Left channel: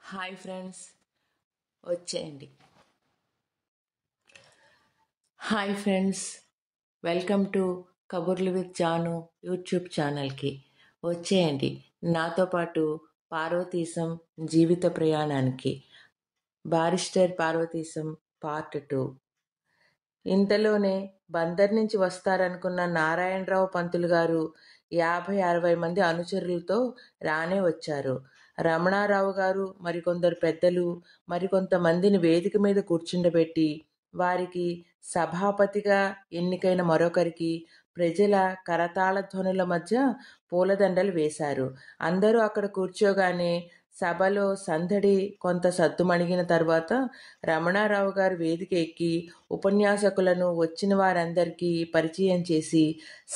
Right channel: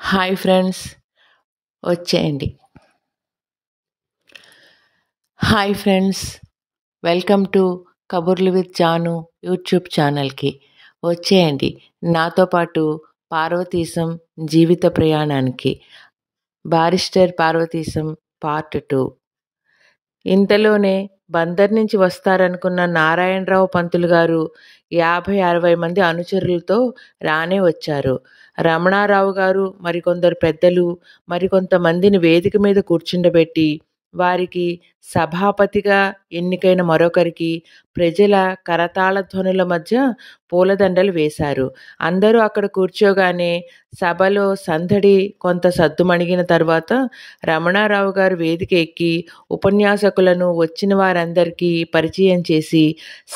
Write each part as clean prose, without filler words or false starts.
Hi friends, వచ్చేయండి. Hi friends, welcome to కబుర్లు with Janu YouTube ఛానల్కి. వచ్చేయండి నాతో పాటు పార్వతీశం జీవిత ప్రయాణానికి. Barrister Parvateesam part 2. ఇంతలోనే బందర్ నుంచి వస్తారనుకున్న నారాయణరావు పంతులు గారు 50-60 మంది అనుచరులతో రానే వచ్చారు. రమణారావు గారు, మరికొందరు పెద్దలు, మరికొంతమందిని వేదిక మీద కూర్చుండబెట్టి వారికి సభాపతిగా ఎన్నికైన మరొకరికి ప్రజల కరతాళ ధ్వనుల మధ్య పూలదండలు వేశారు. అందరూ అక్కడ కూర్చోగానే సభలో సందడి కొంత సద్దుమణిగిన తర్వాత రమణారావు గారు వేదిక ఎక్కి ఉపన్యాసకులను వచ్చిన వారందరికీ పరిచయం చేసి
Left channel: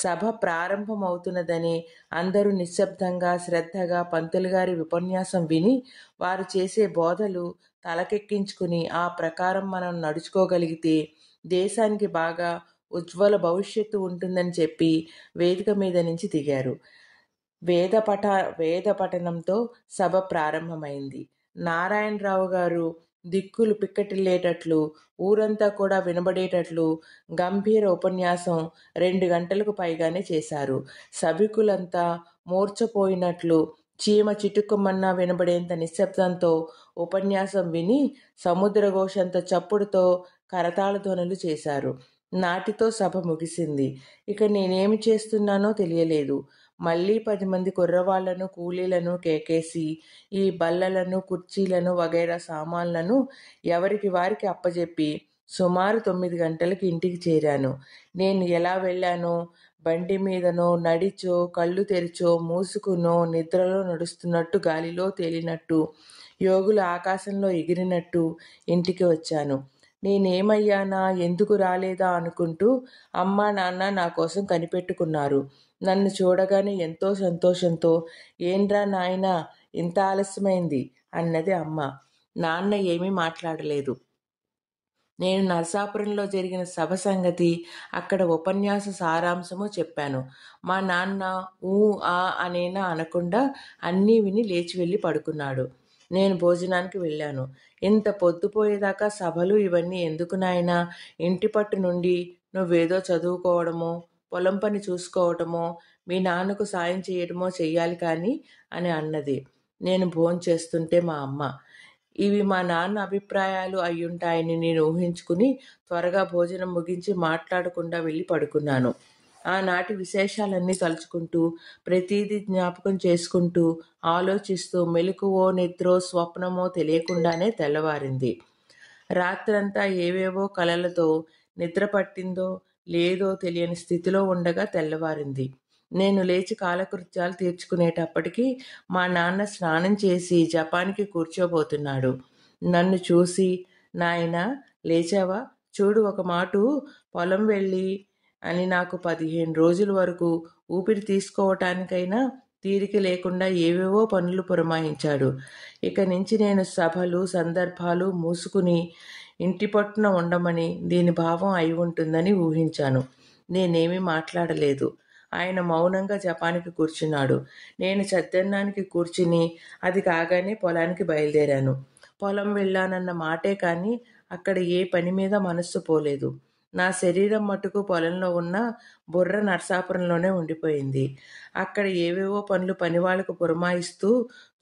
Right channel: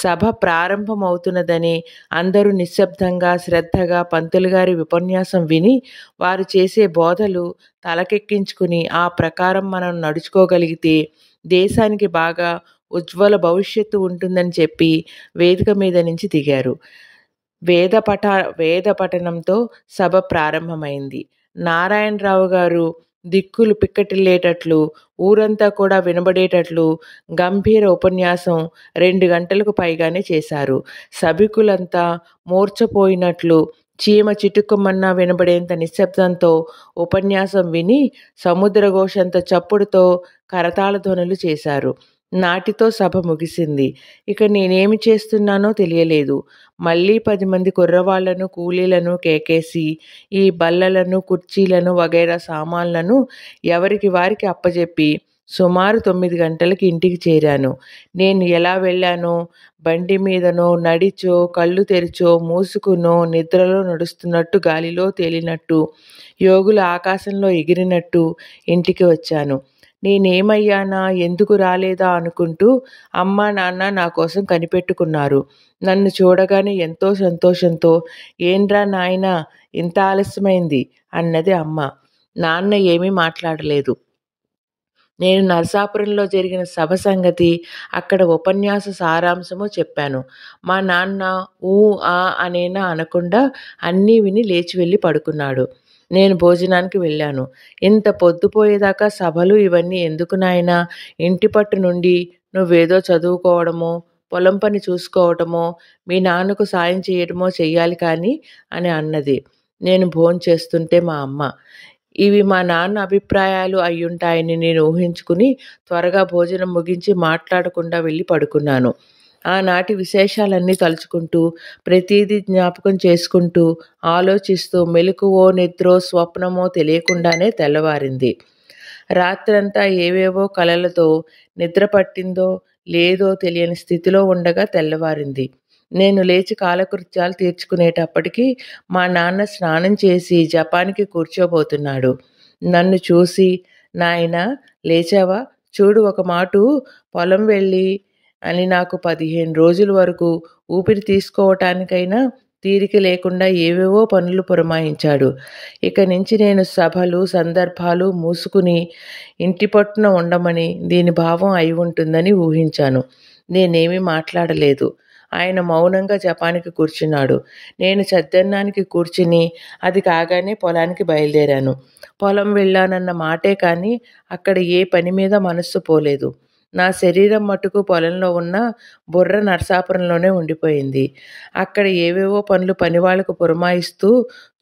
సభ ప్రారంభమవుతున్నదని అందరూ నిశ్శబ్దంగా శ్రద్ధగా పంతులు గారి ఉపన్యాసం విని వారు చేసే బోధలు తలకెక్కించుకుని ఆ ప్రకారం మనం నడుచుకోగలిగితే దేశానికి బాగా ఉజ్వల భవిష్యత్తు ఉంటుందని చెప్పి వేదిక మీద నుంచి దిగారు. వేద పఠనంతో సభ ప్రారంభమైంది. నారాయణరావు గారు దిక్కులు పిక్కటిల్లేటట్లు, ఊరంతా కూడా వినబడేటట్లు గంభీర ఉపన్యాసం 2 గంటలకు పైగానే చేశారు. సభికులంతా మూర్ఛపోయినట్లు చీమ చిటుక్కుమన్నా వినబడేంత నిశ్శబ్దంతో ఉపన్యాసం విని సముద్రఘోషంత చప్పుడుతో కరతాళ ధ్వనులు చేశారు. నాటితో సభ ముగిసింది. ఇక నేనేమి చేస్తున్నానో తెలియలేదు. మళ్ళీ 10 మంది కుర్రవాళ్లను కూలీలను కేకేసి ఈ బల్లలను కుర్చీలను వగైరా సామాన్లను ఎవరికి వారికి అప్పజెప్పి సుమారు 9 గంటలకి ఇంటికి చేరాను. నేను ఎలా వెళ్ళానో, బండి మీదనో, నడిచో, కళ్ళు తెరిచో, మూసుకునో, నిద్రలో నడుస్తున్నట్టు, గాలిలో తేలినట్టు, యోగులు ఆకాశంలో ఎగిరినట్టు ఇంటికి వచ్చాను. నేనేమయ్యానా, ఎందుకు రాలేదా అనుకుంటూ అమ్మా నాన్న నా కోసం కనిపెట్టుకున్నారు. నన్ను చూడగానే ఎంతో సంతోషంతో ఏంట్రా నాయనా ఇంత ఆలస్యమైంది అన్నది అమ్మ. నాన్న ఏమీ మాట్లాడలేదు. నేను నరసాపురంలో జరిగిన సభ సంగతి, అక్కడ ఉపన్యాస సారాంశము చెప్పాను. మా నాన్న ఊ ఆ అనేనా అనకుండా అన్నీ విని లేచి వెళ్ళి పడుకున్నాడు. నేను భోజనానికి వెళ్ళాను. ఇంత పొద్దుపోయేదాకా సభలు ఇవన్నీ ఎందుకు నాయనా? ఇంటి పట్టు నుండి నువ్వేదో చదువుకోవడమో, పొలం పని చూసుకోవటమో, మీ నాన్నకు సాయం చేయటమో చెయ్యాలి కానీ అని అన్నది. నేను భోంచేస్తుంటే మా అమ్మ. ఇవి మా నాన్న అభిప్రాయాలు అయ్యుంటాయని నేను ఊహించుకుని త్వరగా భోజనం ముగించి మాట్లాడకుండా వెళ్ళి పడుకున్నాను. ఆనాటి విశేషాలన్నీ తలుచుకుంటూ, ప్రతీదీ జ్ఞాపకం చేసుకుంటూ, ఆలోచిస్తూ మెలకువో నిద్రో స్వప్నమో తెలియకుండానే తెల్లవారింది. రాత్రంతా ఏవేవో కలలతో నిద్ర పట్టిందో లేదో తెలియని స్థితిలో ఉండగా తెల్లవారింది. నేను లేచి కాలకృత్యాలు తీర్చుకునేటప్పటికీ మా నాన్న స్నానం చేసి జపానికి కూర్చోబోతున్నాడు. నన్ను చూసి, నాయనా లేచావా? చూడు, ఒక మాటు పొలం వెళ్ళి అని నాకు 15 రోజుల వరకు ఊపిరి తీసుకోవటానికైనా తీరిక లేకుండా ఏవేవో పనులు పురమాయించాడు. ఇక నుంచి నేను సభలు సందర్భాలు మూసుకుని ఇంటి పట్టున ఉండమని దీని భావం అయి ఉంటుందని ఊహించాను. నేనేమీ మాట్లాడలేదు. ఆయన మౌనంగా జపానికి కూర్చున్నాడు. నేను చద్దన్నానికి కూర్చుని అది కాగానే పొలానికి బయలుదేరాను. పొలం వెళ్ళానన్న మాటే కానీ అక్కడ ఏ పని మీద మనస్సు పోలేదు. నా శరీరం మటుకు పొలంలో ఉన్న, బుర్ర నరసాపురంలోనే ఉండిపోయింది. అక్కడ ఏవేవో పనులు పనివాళ్లకు పురమాయిస్తూ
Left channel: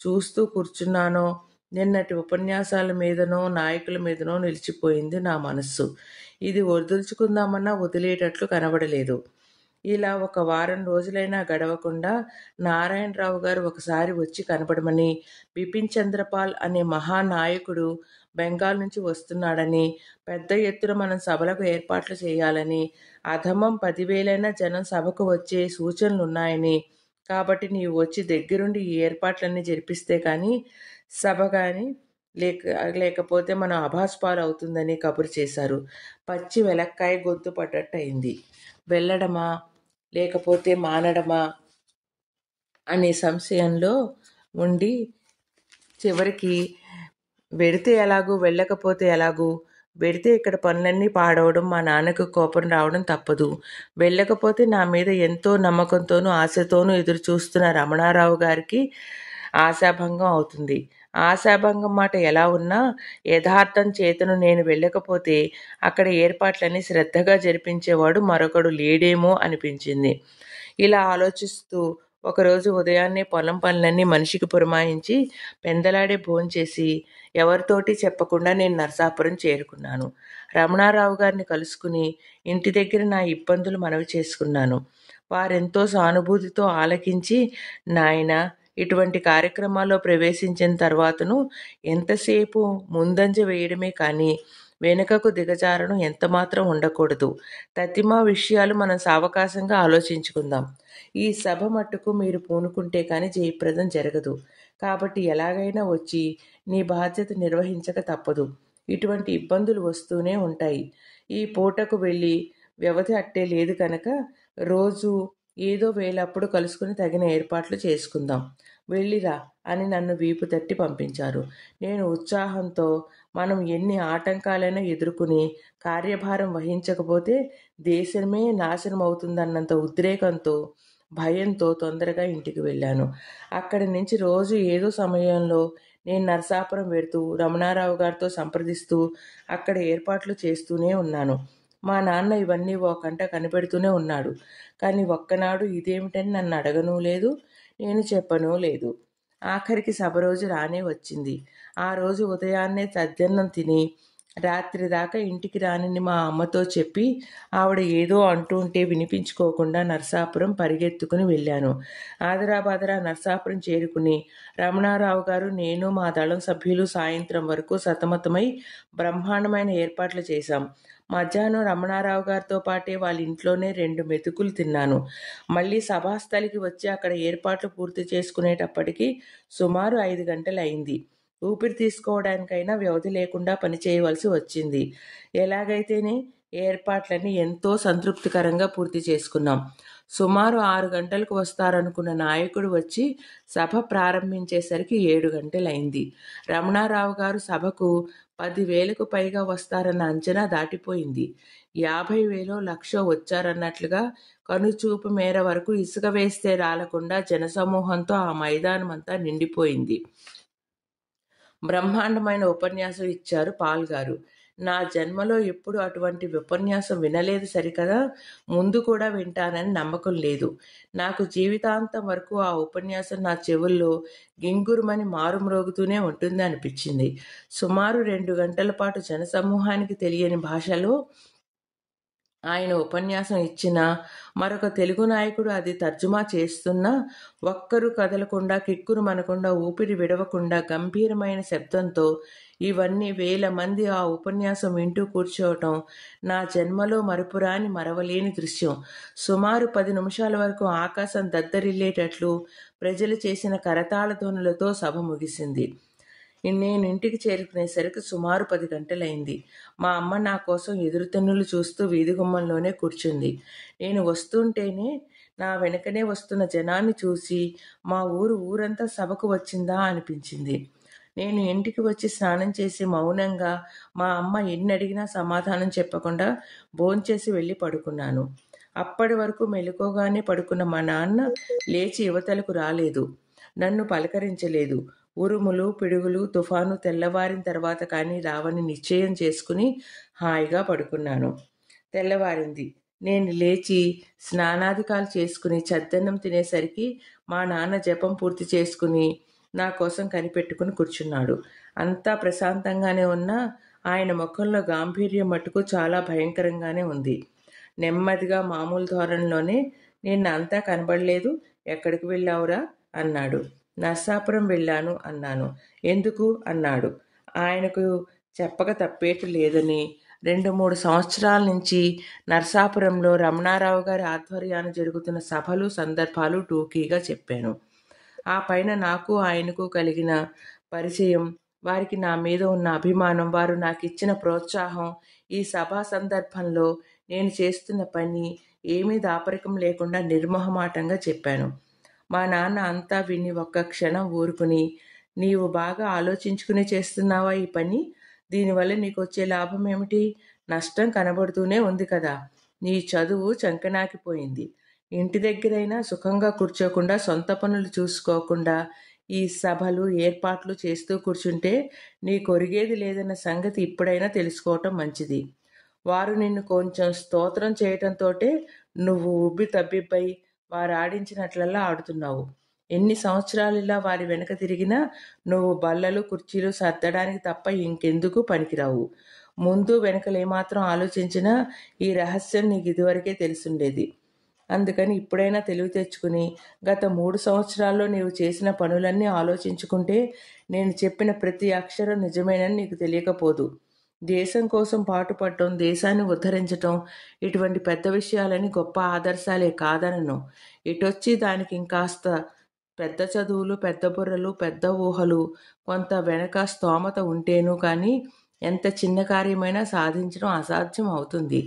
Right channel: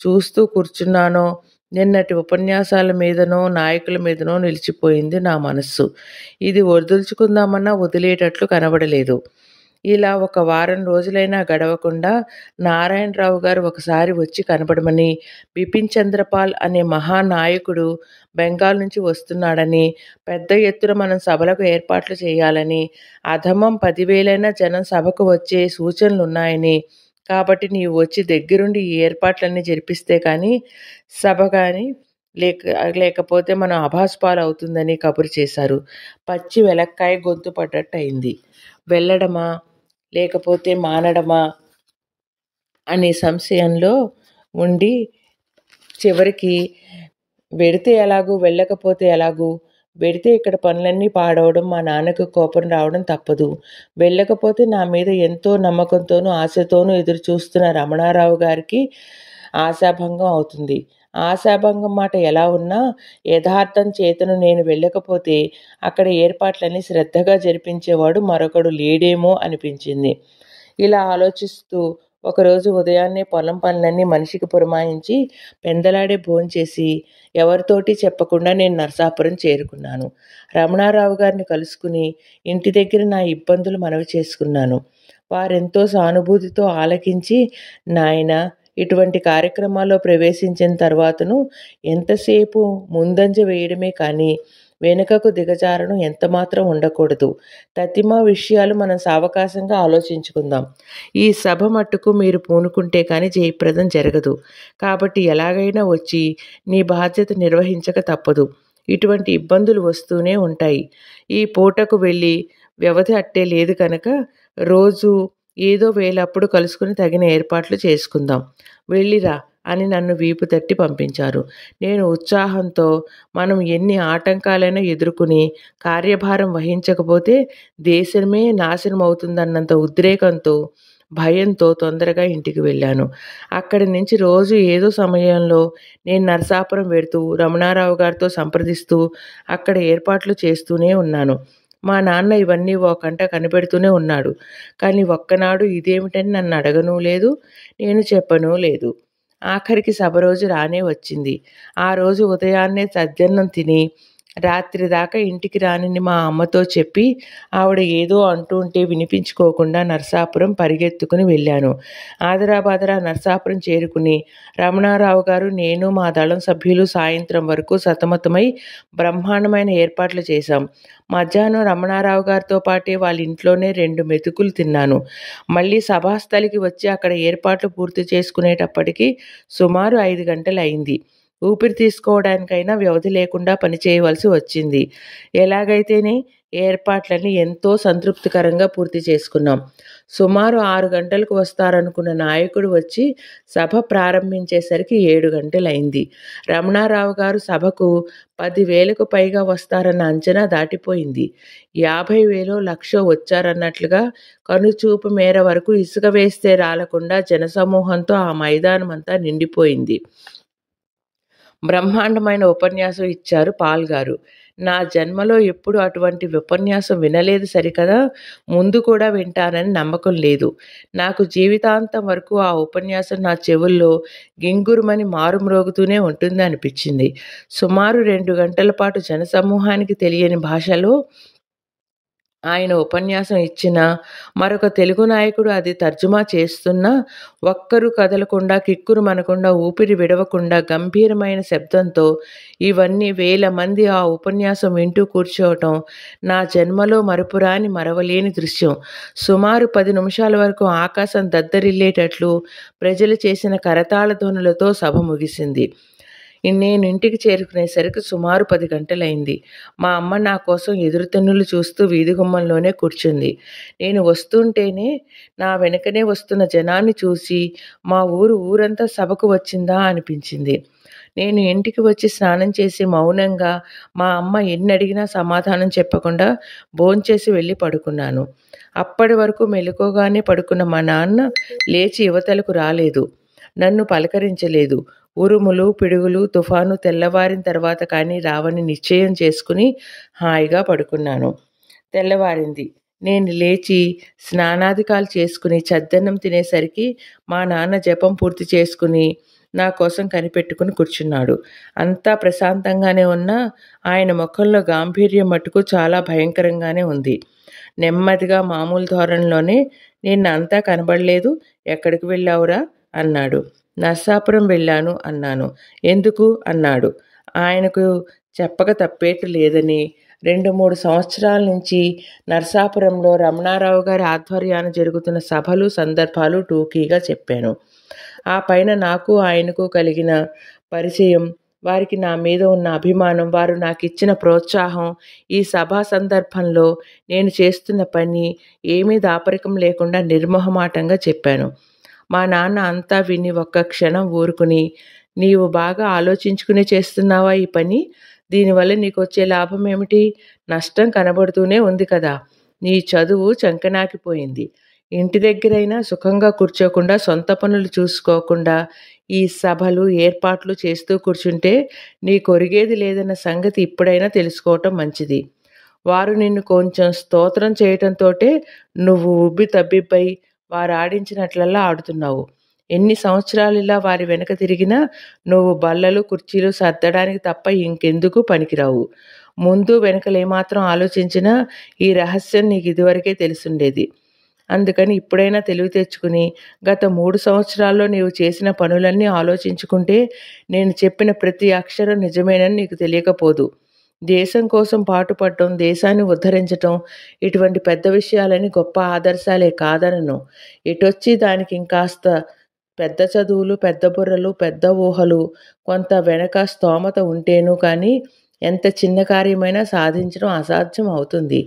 చూస్తూ కూర్చున్నానో, నిన్నటి ఉపన్యాసాల మీదనో నాయకుల మీదనో నిలిచిపోయింది నా మనస్సు. ఇది వదులుచుకుందామన్నా వదిలేటట్లు కనబడలేదు. ఇలా 1 వారం రోజులైనా గడవకుండా నారాయణరావు గారు ఒకసారి వచ్చి కనబడమని, బిపిన్ చంద్రపాల్ అనే మహానాయకుడు బెంగాల్ నుంచి వస్తున్నాడని, పెద్ద ఎత్తున మనం సభలకు ఏర్పాట్లు చేయాలని, అధమం 10,000 జనం సభకు వచ్చే సూచనలున్నాయని, కాబట్టి నీవు వచ్చి దగ్గరుండి ఈ ఏర్పాట్లన్నీ జరిపిస్తే కానీ సభ కానీ లేకపోతే మనం అభాస్పాలు అవుతుందని కబురు చేశారు. పచ్చి వెలక్కాయ గొంతు పడ్డట్టు అయింది. వెళ్ళడమా లేకపోతే మానడమా అనే సంశయంలో ఉండి చివరికి వెడితే ఎలాగూ వెళ్ళకపోతే ఎలాగూ, వెడితే ఇక్కడ పనులన్నీ పాడవడం, మా నాన్నకు కోపం రావడం తప్పదు. వెళ్ళకపోతే నా మీద ఎంతో నమ్మకంతోనూ ఆశతోనూ ఎదురు చూస్తున్న రమణారావు గారికి ఆశాభంగం అవుతుంది. ఆశాభంగం మాట ఎలా ఉన్నా యథార్థం చేతను నేను వెళ్ళకపోతే అక్కడ ఏర్పాట్లన్నీ శ్రద్ధగా జరిపించేవాడు మరొకడు లేడేమో అనిపించింది. ఇలా ఆలోచిస్తూ ఒకరోజు ఉదయాన్నే పొలం పనులన్నీ మనిషికి పురమాయించి పెందలాడే భోంచేసి ఎవరితోటి చెప్పకుండా నేను నరసాపురం చేరుకున్నాను. రమణారావు గారిని కలుసుకుని ఇంటి దగ్గర నా ఇబ్బందులు మనవి చేసుకున్నాను. వారెంతో సానుభూతితో ఆలకించి, నాయనా, ఇటువంటి కార్యక్రమాల్లో ప్రవేశించిన తర్వాతను ఎంతసేపు ముందంజ వేయడమే కానీ వెనుకకు దిగజారడం ఎంతమాత్రం ఉండకూడదు. తతిమా విషయాలు మనం సావకాశంగా ఆలోచించుకుందాం. ఈ సభ మట్టుకు మీరు పూనుకుంటే కానీ జయప్రదం జరగదు. కాబట్టి ఎలాగైనా వచ్చి నీ బాధ్యత నిర్వహించక తప్పదు. ఇటువంటి ఇబ్బందులు వస్తూనే ఉంటాయి. ఈ పూటకు వెళ్ళి వ్యవధి అట్టే లేదు కనుక రోజు ఏదో వేళప్పుడు కలుసుకుని తగిన ఏర్పాట్లు చేసుకుందాం. వెళ్ళిరా అని నన్ను వీపు తట్టి పంపించారు. నేను ఉత్సాహంతో మనం ఎన్ని ఆటంకాలైనా ఎదుర్కొని కార్యభారం వహించకపోతే దేశమే నాశనం అవుతుందన్నంత ఉద్రేకంతో, భయంతో తొందరగా ఇంటికి వెళ్ళాను. అక్కడి నుంచి రోజు ఏదో సమయంలో నేను నరసాపురం వెడుతూ రమణారావు గారితో సంప్రదిస్తూ అక్కడ ఏర్పాట్లు చేస్తూనే ఉన్నాను. మా నాన్న ఇవన్నీ ఓ కంట కనిపెడుతూనే ఉన్నాడు. కానీ ఒక్కనాడు ఇదేమిటని నన్ను అడగనూ లేదు, నేను చెప్పనూ లేదు. ఆఖరికి సభ రోజు రానే వచ్చింది. ఆ రోజు ఉదయాన్నే సద్దన్నం తిని రాత్రి దాకా ఇంటికి రానని మా అమ్మతో చెప్పి ఆవిడ ఏదో అంటుంటే వినిపించుకోకుండా నరసాపురం పరిగెత్తుకుని వెళ్ళాను. ఆదరాబాదరా నరసాపురం చేరుకుని రమణారావు గారు, నేను, మా దళం సభ్యులు సాయంత్రం వరకు సతమతమై బ్రహ్మాండమైన ఏర్పాట్లు చేశాం. మధ్యాహ్నం రమణారావు గారితో పాటే వాళ్ళ ఇంట్లోనే 2 మెతుకులు తిన్నాను. మళ్ళీ సభాస్థలికి వచ్చి అక్కడ ఏర్పాట్లు పూర్తి చేసుకునేటప్పటికి సుమారు 5 గంటలు అయింది. ఊపిరి తీసుకోవడానికైనా వ్యవధి లేకుండా పనిచేయవలసి వచ్చింది. ఎలాగైతేనే ఏర్పాట్లన్నీ ఎంతో సంతృప్తికరంగా పూర్తి చేసుకున్నాం. సుమారు 6 గంటలకు వస్తారనుకున్న నాయకుడు వచ్చి సభ ప్రారంభించేసరికి 7 గంటలైంది. రమణారావు గారు సభకు 10,000కు పైగా వస్తారన్న అంచనా దాటిపోయింది. 50,000 లక్షో వచ్చారన్నట్లుగా కనుచూపు మేర వరకు ఇసుక వేస్తే రాలకుండా జనసమూహంతో ఆ మైదానమంతా నిండిపోయింది. బ్రహ్మాండమైన ఉపన్యాసం ఇచ్చారు పాల్ గారు. నా జన్మలో ఎప్పుడు అటువంటి ఉపన్యాసం వినలేదు సరికదా, ముందు కూడా వింటానని నమ్మకం లేదు. నాకు జీవితాంతం వరకు ఆ ఉపన్యాసం నా చెవుల్లో గింగురుమని మారుమ్రోగుతూనే ఉంటుంది అనిపించింది. సుమారు 2 గంటల పాటు జనసమూహానికి తెలియని భాషలో ఆయన ఉపన్యాసం ఇచ్చినా, మరొక తెలుగు నాయకుడు అది తర్జుమా చేస్తున్నా ఒక్కరూ కదలకుండా, కిక్కురుమనకుండా, ఊపిరి విడవకుండా గంభీరమైన శబ్దంతో ఇవన్నీ వేల మంది ఆ ఉపన్యాసం వింటూ కూర్చోవటం నా జన్మలో మరపురాని మరవలేని దృశ్యం. సుమారు 10 నిమిషాల వరకు ఆకాశం దద్దరిల్లేటట్లు ప్రజలు చేసిన కరతాళ ధ్వనులతో సభ ముగిసింది. నేను ఇంటికి చేరుకునేసరికి సుమారు 10 గంటలైంది. మా అమ్మ నా కోసం ఎదురుతెన్నులు చూస్తూ వీధి గుమ్మంలోనే కూర్చుంది. నేను వస్తుంటేనే నా వెనకనే వస్తున్న జనాన్ని చూసి మా ఊరంతా సభకు వచ్చిందా అనిపించింది. నేను ఇంటికి వచ్చి స్నానం చేసి మౌనంగా మా అమ్మ ఎన్ని అడిగినా సమాధానం చెప్పకుండా భోంచేసి వెళ్ళి పడుకున్నాను. అప్పటి వరకు మెలకువగానే పడుకున్న మా నాన్న లేచి యువతలకు రాలేదు. నన్ను పలకరించలేదు. ఉరుములు, పిడుగులు, తుఫాను తెల్లవారిన తర్వాత కానీ రావని నిశ్చయం చేసుకుని హాయిగా పడుకున్నాను. తెల్లవారింది. నేను లేచి స్నానాధికాలు చేసుకుని చద్దన్నం తినేసరికి మా నాన్న జపం పూర్తి చేసుకుని నా కోసం కనిపెట్టుకుని కూర్చున్నాడు. అంతా ప్రశాంతంగానే ఉన్నా ఆయన ముఖంలో గాంభీర్యం మటుకు చాలా భయంకరంగానే ఉంది. నెమ్మదిగా మామూలు ధోరణిలోనే, నిన్న అంతా కనబడలేదు, ఎక్కడికి వెళ్ళావురా అన్నాడు. నరసాపురం వెళ్ళాను అన్నాను. ఎందుకు అన్నాడు. ఆయనకు చెప్పక తప్పేటి లేదని 2-3 సంవత్సరాల నుంచి నరసాపురంలో రమణారావు గారి ఆధ్వర్యాన జరుగుతున్న సభలు, సందర్భాలు టూకీగా చెప్పాను. ఆ పైన నాకు ఆయనకు కలిగిన పరిచయం, వారికి నా మీద ఉన్న అభిమానం, వారు నాకు ఇచ్చిన ప్రోత్సాహం, ఈ సభా సందర్భంలో నేను చేస్తున్న పని ఏమీ దాపరికం లేకుండా నిర్మోహమాటంగా చెప్పాను. మా నాన్న అంతా విని ఒక్క క్షణం ఊరుకుని, నీవు బాగా ఆలోచించుకునే చేస్తున్నావా ఈ పని? దీనివల్ల నీకు వచ్చే లాభం ఏమిటి? నష్టం కనబడుతూనే ఉంది కదా. నీ చదువు చంకనాకిపోయింది. ఇంటి దగ్గరైనా సుఖంగా కూర్చోకుండా, సొంత పనులు చూసుకోకుండా ఈ సభలు, ఏర్పాట్లు చేస్తూ కూర్చుంటే నీకొరిగేది లేదన్న సంగతి ఇప్పుడైనా తెలుసుకోవటం మంచిది. వారు నిన్ను కొంచెం స్తోత్రం చేయటంతోటే నువ్వు ఉబ్బి తబ్బిబ్బై వారాడించినట్లల్లా ఆడుతున్నావు. ఎన్ని సంవత్సరాలిలా వారి వెనక తిరిగినా నువ్వు బల్లలు, కుర్చీలు సర్దడానికి తప్ప ఇంకెందుకు పనికిరావు. ముందు వెనకలేమాత్రం ఆలోచించినా ఈ రహస్యం నీకిదివరకే తెలిసుండేది. అందుకని ఇప్పుడైనా తెలివి తెచ్చుకుని గత 3 సంవత్సరాల్లో నీవు చేసిన పనులన్నీ ఆలోచించుకుంటే నేను చెప్పిన ప్రతి అక్షరం నిజమేనని నీకు తెలియకపోదు. దేశం కోసం పాటుపడటం, దేశాన్ని ఉద్ధరించటం ఇటువంటి పెద్ద విషయాలని గొప్ప ఆదర్శాలే కాదనను. ఇటొచ్చి దానికి ఇంకాస్త పెద్ద చదువులు, పెద్ద బుర్రలు, పెద్ద ఊహలు, కొంత వెనక స్తోమత ఉంటేను కానీ ఎంత చిన్న కార్యమైనా సాధించడం అసాధ్యం అవుతుంది.